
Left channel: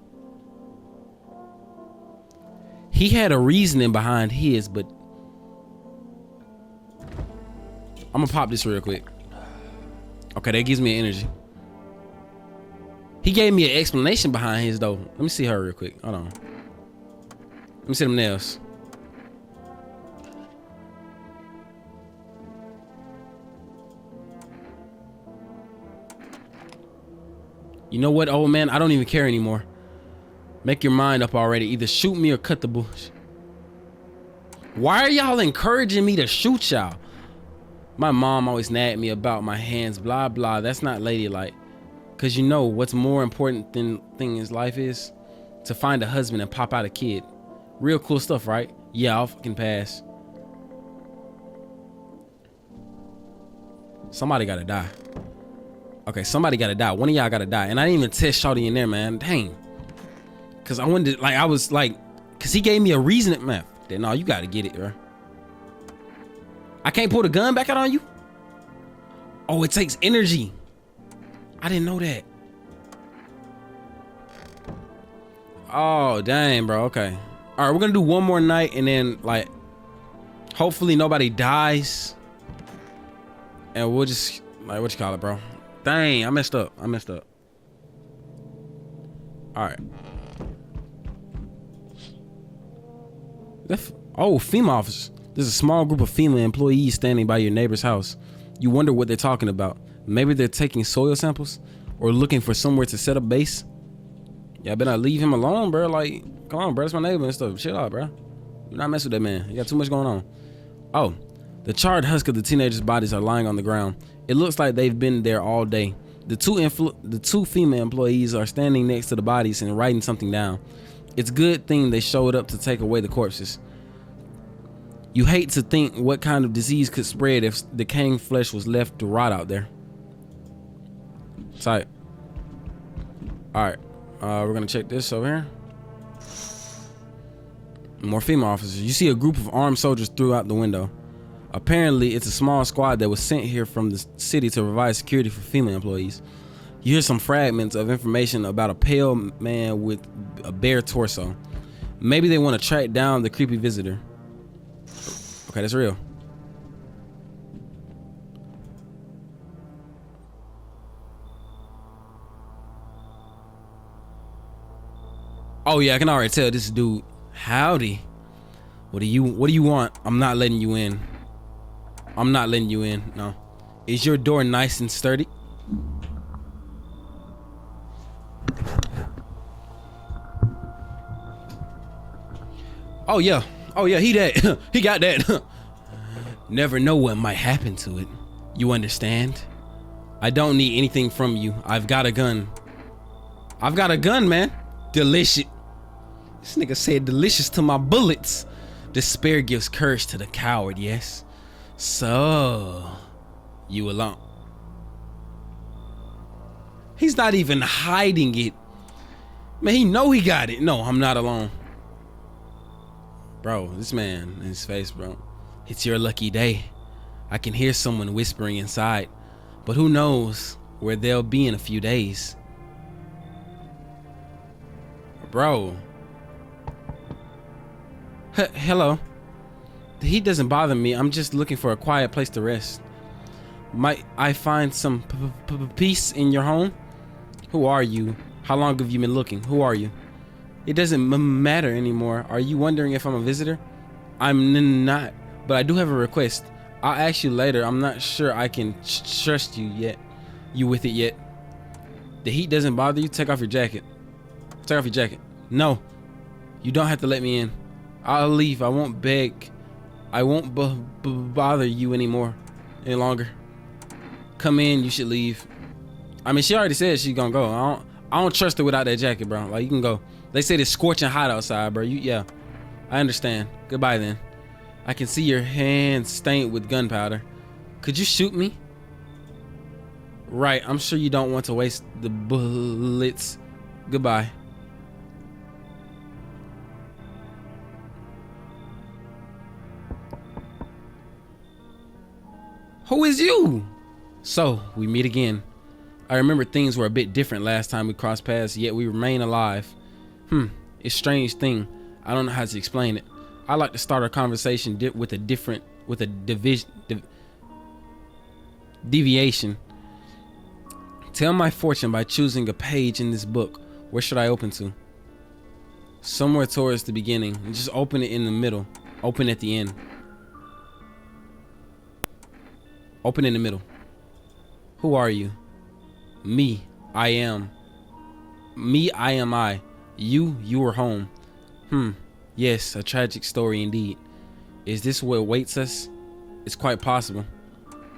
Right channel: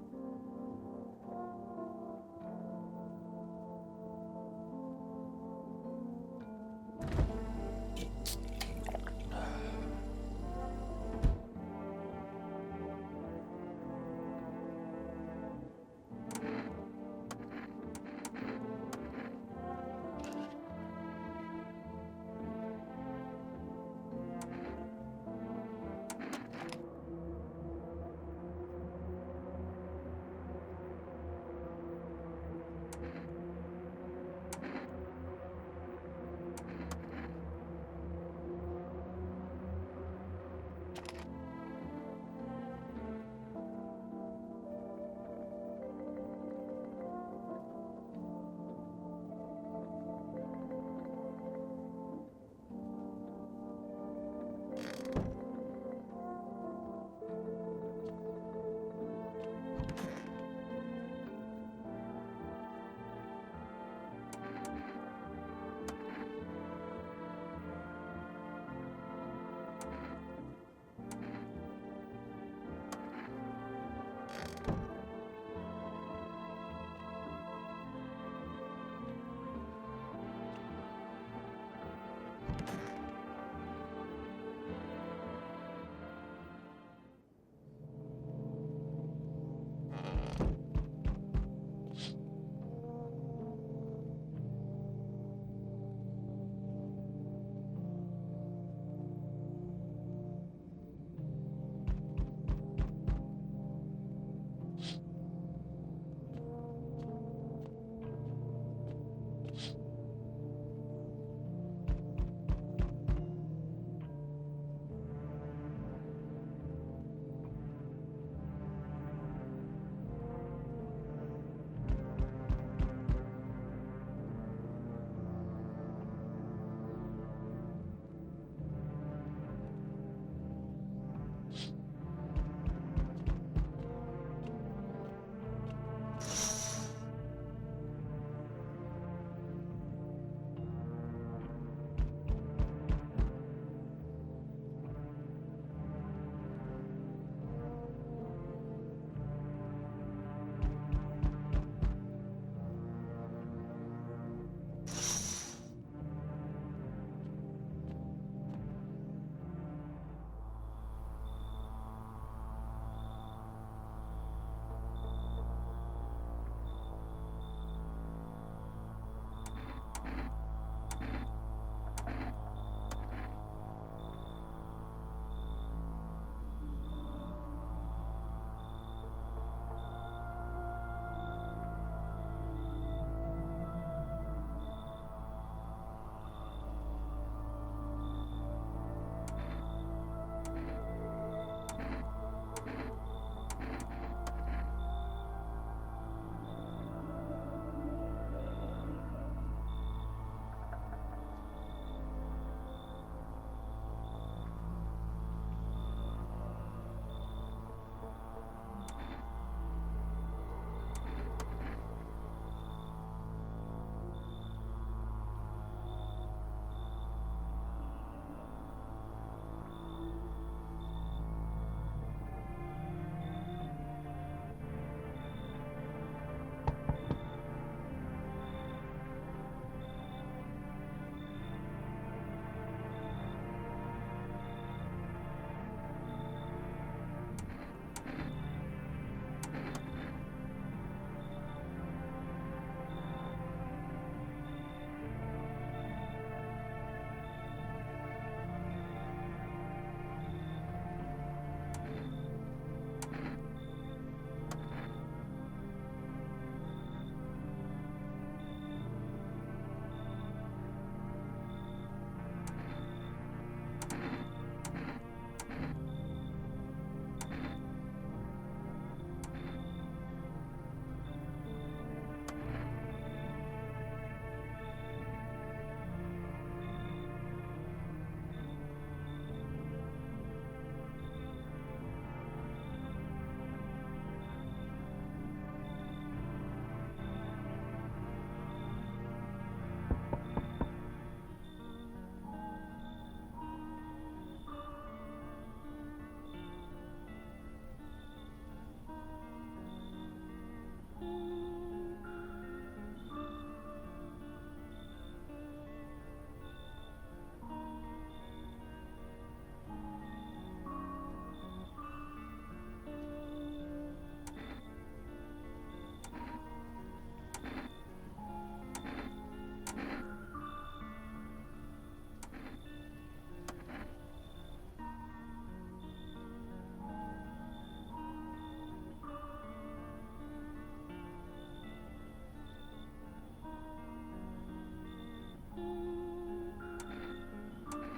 He had a reasoning behind his, but I'm gonna pop this real quick. Okay, that gives me energy. He gave me an explanation behind his though. Let me see her real quick. Hold on. Let me see them nails. You know what, old man? I don't even care anymore. Make your mind up already. Either shoot me or cut the bush. Why are y'all encouraging me to shoot y'all? My mom always nagged me about my hands, blah, blah. That's not ladylike. Because you know what's more important thing in life is? To find a husband and pop out a kid. Real cool stuff, right? Yeah, I'll fucking pass. Somebody gotta die. Okay, somebody gotta die. One of y'all gotta die. And I didn't even test Shawty in there, man. Dang. Cause I wanted to, like, I was like, cause he gave me a reason, man. Then no, you gotta get it, bro. I can't pull the gun back out on you? Oh, it takes energy. I didn't know that. Oh, dang, bro. Okay. All right, we're gonna do one more night and then, like, hopefully nobody dies. And we'll just, like, what you call it, bro? Dang, I messed up. All right. Oh, FEMA officers. There's a small group of FEMA employees standing by your neighbor's house. You wonder what they're talking about. Maybe they're taking soil samples or looking for somewhere to set up base. Yeah, I better not leave him alone, bro. Like, come on, bro. That's my neighbor and stuff. Chill out, bro. Do not mess with that man. You got too much going on. Oh, the charred husk of the teenagers' bodies are lying on the ground. It looks like they've been there all day. The two FEMA employees are standing next to the bodies and writing something down. It's a good thing they showed up to take away the corpses. You hate to think what kind of disease could spread if decaying flesh was left to rot out there. Tight. All right, we're gonna check this over here. More FEMA officers. You see a group of armed soldiers throughout the window. Apparently, it's a small squad that was sent here from the city to provide security for female employees. You hear some fragments of information about a pale man with a bare torso. Maybe they want to track down the creepy visitor. Okay, that's real. Oh yeah, I can already tell this dude. Howdy. What do you want? I'm not letting you in. I'm not letting you in. No. Is your door nice and sturdy? Oh yeah, he that. He got that. Never know what might happen to it. You understand? I don't need anything from you. I've got a gun. I've got a gun, man. Delicious. This nigga said delicious to my bullets. Despair gives courage to the coward, yes. So, you alone. He's not even hiding it. Man, he know he got it. No, I'm not alone. Bro, this man in his face, bro. It's your lucky day. I can hear someone whispering inside, but who knows where they'll be in a few days. Bro. Hello. The heat doesn't bother me. I'm just looking for a quiet place to rest. Might I find some peace in your home? Who are you? How long have you been looking? Who are you? It doesn't matter anymore. Are you wondering if I'm a visitor? I'm not, but I do have a request. I'll ask you later. I'm not sure I can trust you yet. You with it yet? The heat doesn't bother you? Take off your jacket. Take off your jacket. No, you don't have to let me in. I'll leave. I won't beg. I won't bother you any longer. Come in. You should leave. I mean, she already said she's gonna go. I don't trust her without that jacket, bro. Like, you can go. They said it's scorching hot outside, bro. Yeah, I understand. Goodbye then. I can see your hands stained with gunpowder. Could you shoot me? Right. I'm sure you don't want to waste the bullets. Goodbye. Who is you? So, we meet again. I remember things were a bit different last time we crossed paths, yet we remain alive. It's a strange thing. I don't know how to explain it. I like to start our conversation with a deviation. Tell my fortune by choosing a page in this book. Where should I open to? Somewhere towards the beginning. Just open it in the middle. Open at the end. Open in the middle. Who are you? Me, I am. Me, I am I. You are home. Yes, a tragic story indeed. Is this what awaits us? It's quite possible.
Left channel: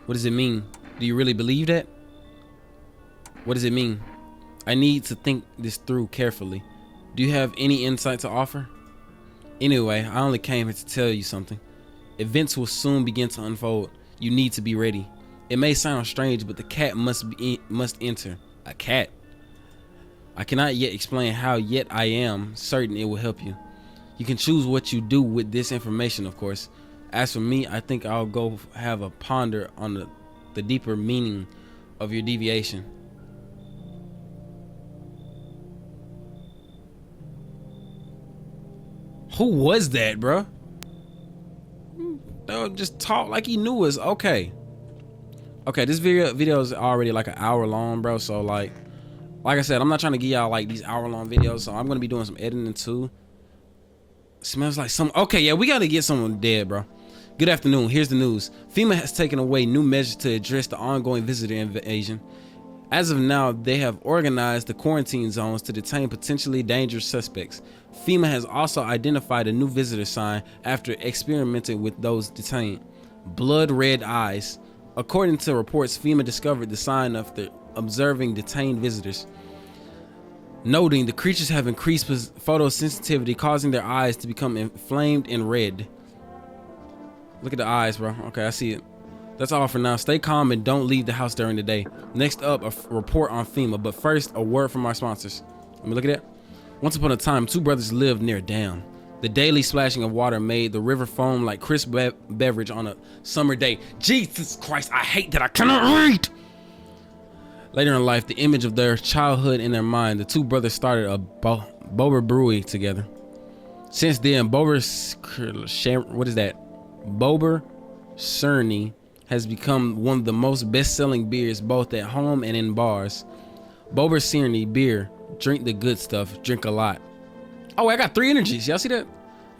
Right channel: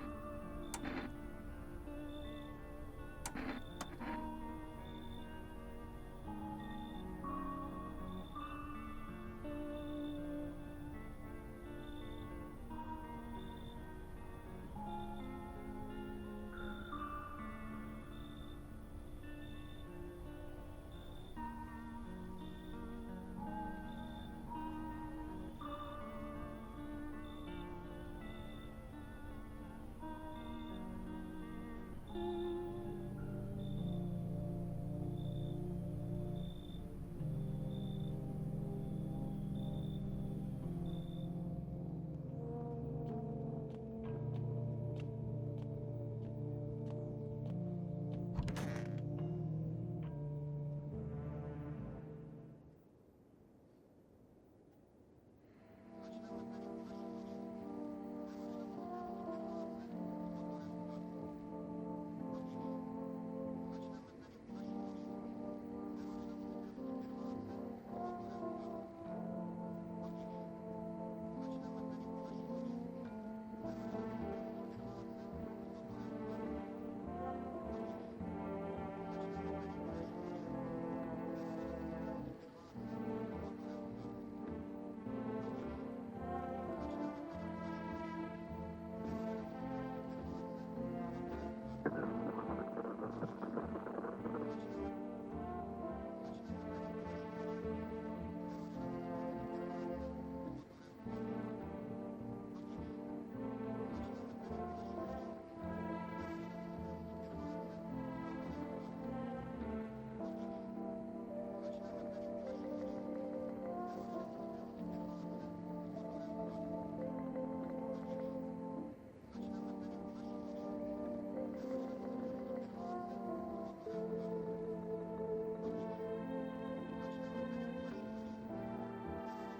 What does it mean? Do you really believe that? What does it mean? I need to think this through carefully. Do you have any insight to offer? Anyway, I only came here to tell you something. Events will soon begin to unfold. You need to be ready. It may sound strange, but the cat must enter. A cat? I cannot yet explain how, yet I am certain it will help you. You can choose what you do with this information, of course. As for me, I think I'll go have a ponder on the deeper meaning of your deviation. Who was that, bro? They'll just talk like he knew us. Okay, this video is already like an hour long, bro. So like I said, I'm not trying to give y'all like these hour-long videos, so I'm gonna be doing some editing too. Smells like some. Okay, yeah, we gotta get someone dead, bro. Good afternoon. Here's the news. FEMA has taken away new measures to address the ongoing visitor invasion. As of now, they have organized the quarantine zones to detain potentially dangerous suspects. FEMA has also identified a new visitor sign after experimenting with those detained. Blood red eyes. According to reports, FEMA discovered the sign after observing detained visitors, noting the creatures have increased photosensitivity, causing their eyes to become inflamed and red. Look at the eyes, bro. Okay, I see it. That's all for now. Stay calm and don't leave the house during the day. Next up, a report on FEMA, but first, a word from our sponsors. Let me look at that. Once upon a time, two brothers lived near a dam. The daily splashing of water made the river foam like crisp beverage on a summer day. Jesus Christ, I hate that I cannot read. Later in life, the image of their childhood in their mind, the two brothers started a Bober brewery together. Since then, Bober Cerny has become one of the most best-selling beers both at home and in bars. Bober Cerny beer, drink the good stuff, drink a lot. Oh, I got 3 energies. Y'all see that?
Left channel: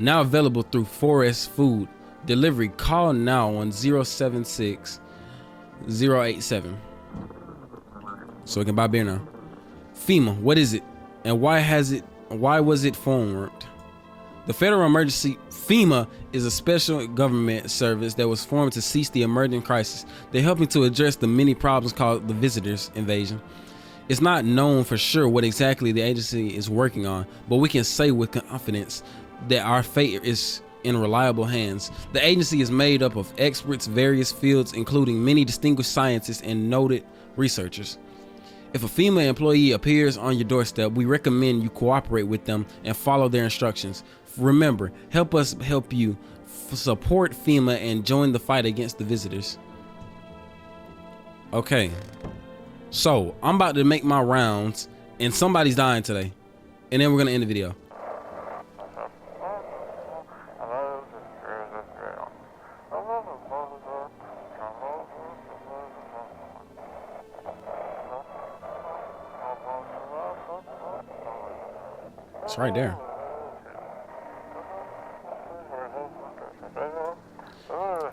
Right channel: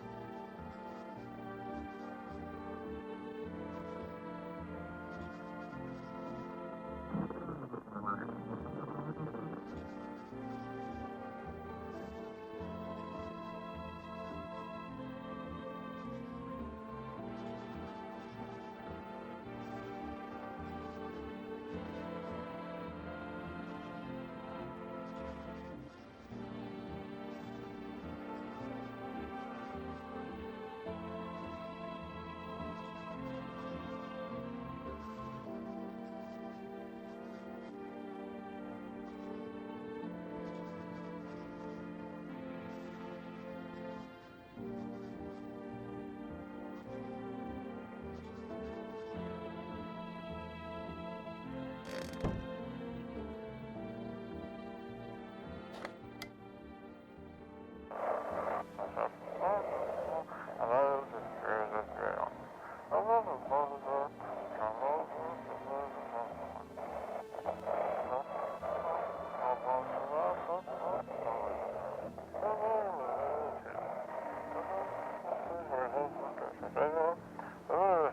Now available through Forest Food Delivery. Call now on 076 087. So we can buy beer now. FEMA, what is it? And why was it formed? The Federal Emergency FEMA is a special government service that was formed to cease the emerging crisis. They're helping to address the many problems called the visitors invasion. It's not known for sure what exactly the agency is working on, but we can say with confidence that our fate is in reliable hands. The agency is made up of experts in various fields, including many distinguished scientists and noted researchers. If a FEMA employee appears on your doorstep, we recommend you cooperate with them and follow their instructions. Remember, help us help you. Support FEMA and join the fight against the visitors. Okay. So, I'm about to make my rounds, and somebody's dying today. And then we're going to end the video. It's right there.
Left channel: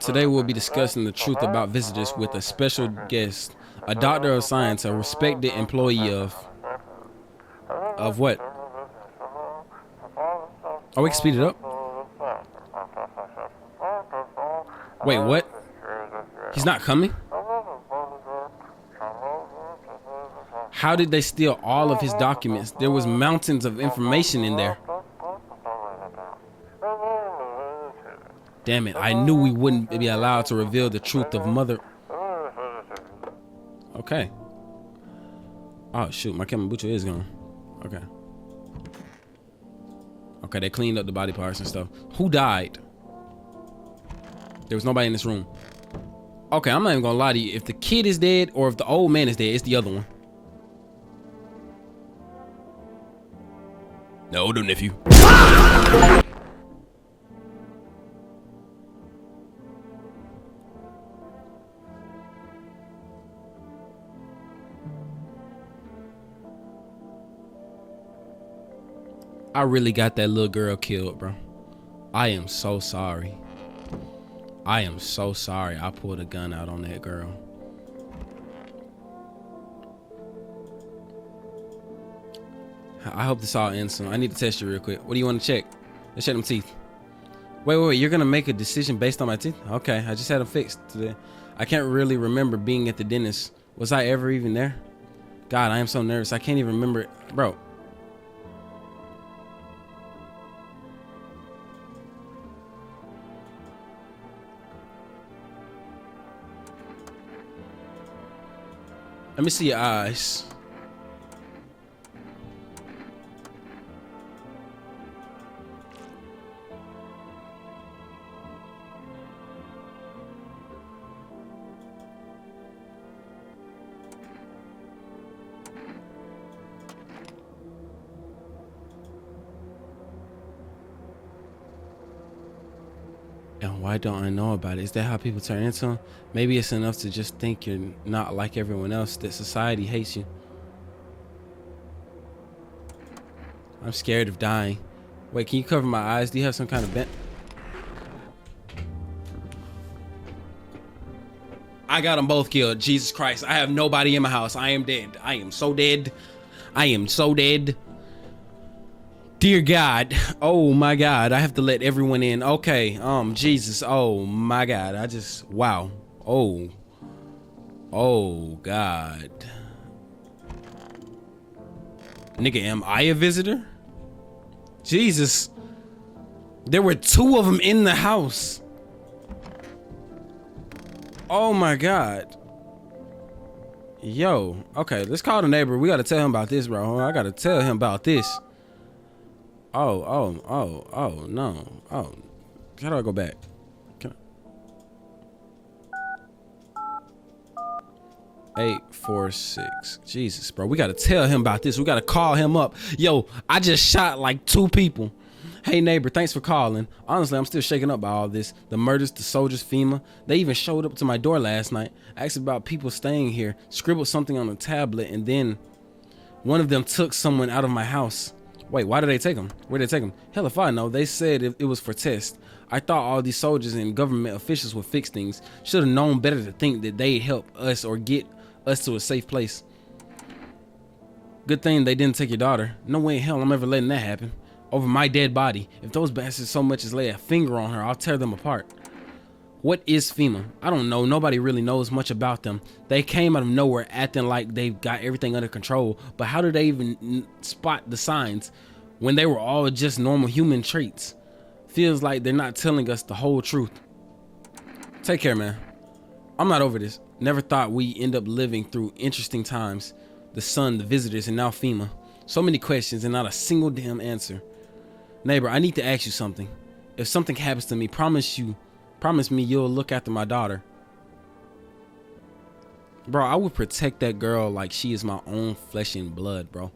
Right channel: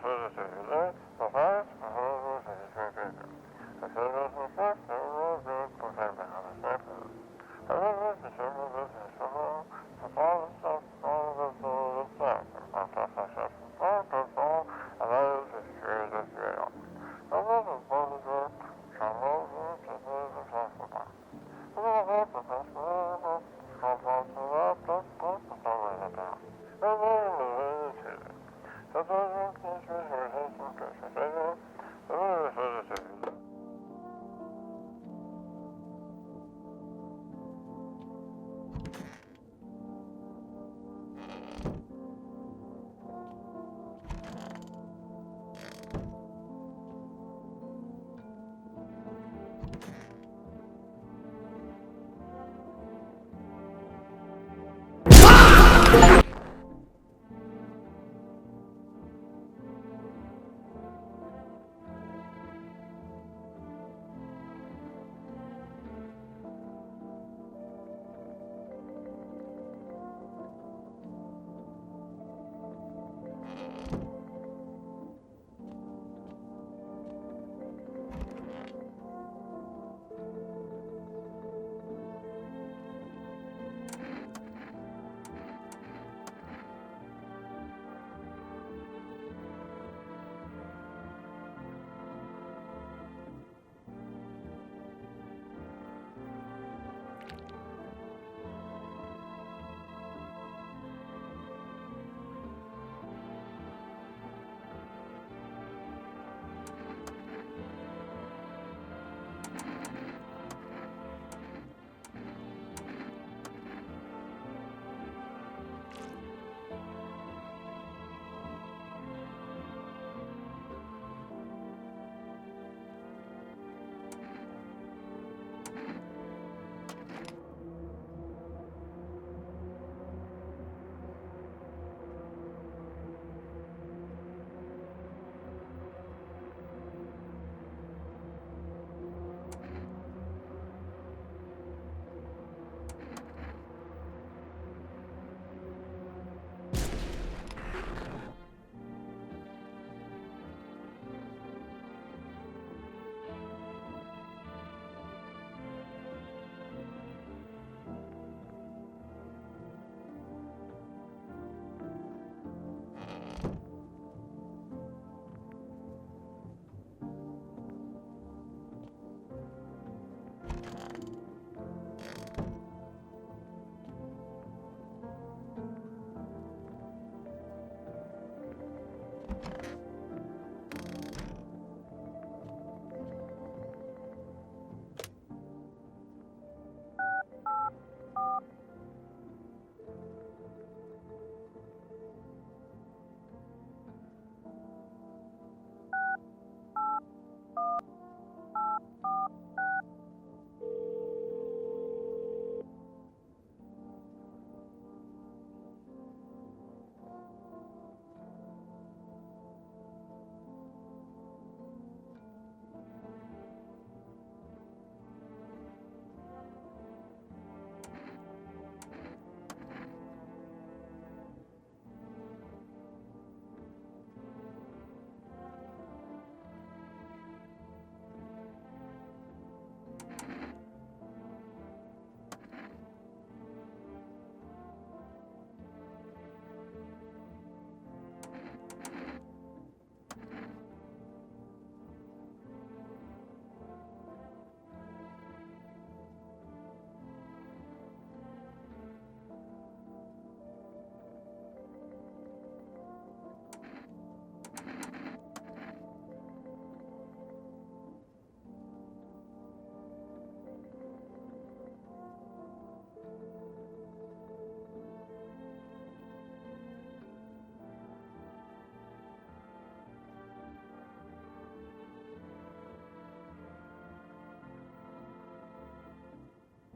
Today we'll be discussing the truth about visitors with a special guest, a doctor of science, a respected employee of what? Oh, we can speed it up? Wait, what? He's not coming? How did they steal all of his documents? There was mountains of information in there. Damn it, I knew we wouldn't be allowed to reveal the truth of Mother. Okay. Oh shoot, my kombucha is gone. Okay. Okay, they cleaned up the body parts and stuff. Who died? There was nobody in this room. Okay, I'm not even gonna lie to you. If the kid is dead or if the old man is dead, it's the other one. The older nephew. I really got that little girl killed, bro. I am so sorry. I am so sorry I pulled a gun out on that girl. I hope this all ends soon. I need to test you real quick. What do you want to check? Let's check them teeth. Wait. You're going to make a decision based on my teeth? Okay, I just had them fixed today. I can't really remember being at the dentist. Was I ever even there? God, I am so nervous. I can't even remember it. Bro. Let me see your eyes. And why don't I know about it? Is that how people turn into them? Maybe it's enough to just think you're not like everyone else, that society hates you. I'm scared of dying. Wait, can you cover my eyes? Do you have some kind of vent? I got them both killed. Jesus Christ. I have nobody in my house. I am dead. I am so dead. I am so dead. Dear God. Oh my God. I have to let everyone in. Okay. Jesus. Oh my God. Wow. Oh God. Nigga, am I a visitor? Jesus. There were 2 of them in the house. Oh my God. Yo. Okay, let's call the neighbor. We gotta tell him about this, bro. I gotta tell him about this. Oh, no. Oh, how do I go back? Can I... 846. Jesus, bro. We gotta tell him about this. We gotta call him up. Yo, I just shot like 2 people. Hey neighbor, thanks for calling. Honestly, I'm still shaken up by all this. The murders, the soldiers, FEMA. They even showed up to my door last night, asked about people staying here, scribbled something on a tablet, and then one of them took someone out of my house. Wait, why did they take him? Where'd they take him? Hell if I know. They said it was for tests. I thought all these soldiers and government officials would fix things. Should have known better to think that they'd help us or get us to a safe place. Good thing they didn't take your daughter. No way in hell I'm ever letting that happen. Over my dead body. If those bastards so much as lay a finger on her, I'll tear them apart. What is FEMA? I don't know. Nobody really knows much about them. They came out of nowhere acting like they've got everything under control, but how do they even spot the signs when they were all just normal human traits? Feels like they're not telling us the whole truth. Take care, man. I'm not over this. Never thought we end up living through interesting times. The sun, the visitors, and now FEMA. So many questions and not a single damn answer. Neighbor, I need to ask you something. If something happens to me, promise me you'll look after my daughter. Bro, I would protect that girl like she is my own flesh and blood, bro.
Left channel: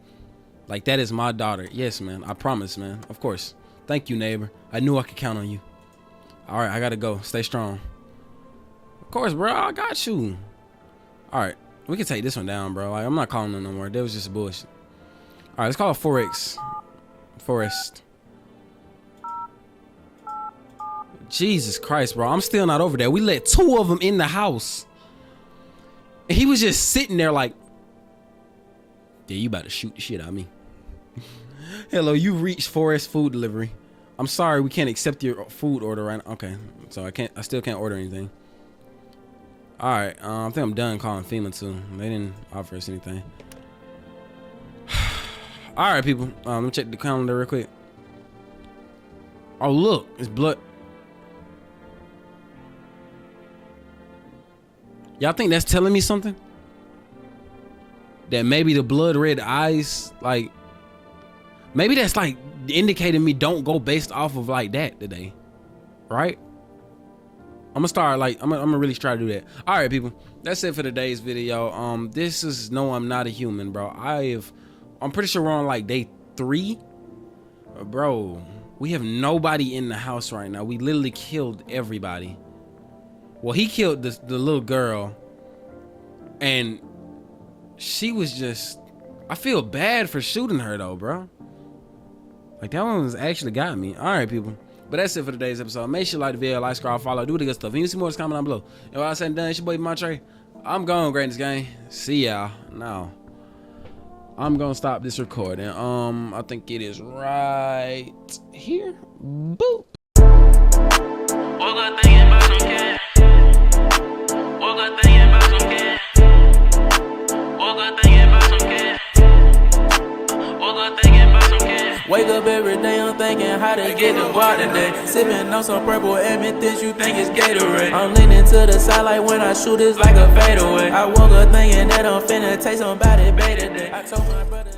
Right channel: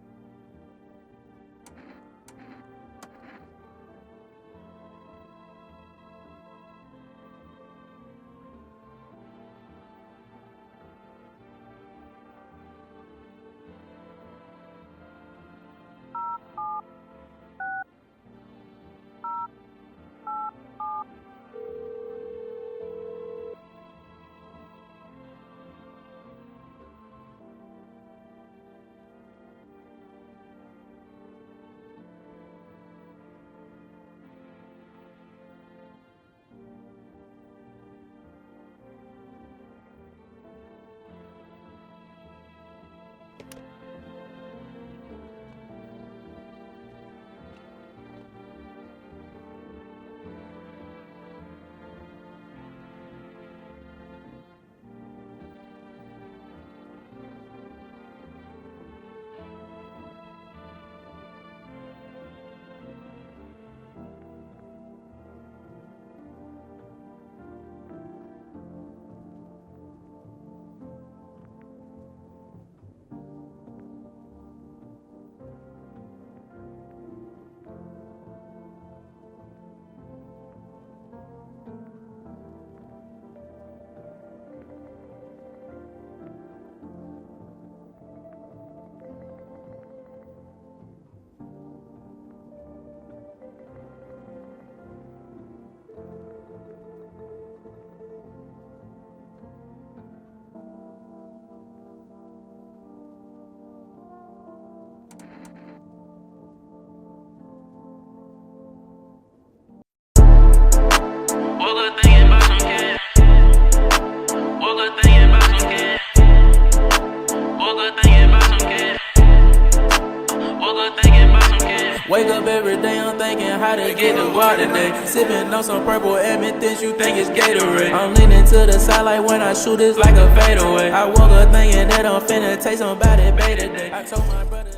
Like that is my daughter. Yes, man. I promise, man. Of course. Thank you, neighbor. I knew I could count on you. All right, I gotta go. Stay strong. Of course, bro. I got you. All right, we can take this one down, bro. Like, I'm not calling them no more. That was just bullshit. All right, let's call it 4X. Forest. Jesus Christ, bro. I'm still not over there. We let 2 of them in the house. And he was just sitting there like, yeah, you about to shoot the shit out of me. Hello, you reached Forest Food Delivery. I'm sorry, we can't accept your food order right now. Okay, so I still can't order anything. All right, I think I'm done calling FEMA too. They didn't offer us anything. All right, people. Let me check the calendar real quick. Oh, look, it's blood. Y'all think that's telling me something? That maybe the blood red eyes, like, maybe that's like indicating me don't go based off of like that today, right? I'm gonna start like I'm gonna really try to do that. All right, people, that's it for today's video. This is No, I'm Not a Human, bro. I'm pretty sure we're on like day 3, bro. We have nobody in the house right now. We literally killed everybody. Well, he killed the little girl, and she was just, I feel bad for shooting her though, bro. Like that one was actually got me. All right, people. But that's it for today's episode. Make sure you like the video, like, subscribe, follow, do the good stuff. If you see more, just comment down below. And while I said and done, it's your boy Montre. I'm gone, Greatness Gang. See y'all. Now, I'm gonna stop this recording. I think it is right here. Boop. What good thing about some cash? What good thing about some cash? What good thing about some cash? What good thing about some cash? Wake up every day, I'm thinking how to get the water today. Sipping on some purple amethyst, you think it's Gatorade. I'm leaning to the side like when I shoot, it's like a fadeaway. I woke up thinking that I'm finna take somebody bait today. I told my brother.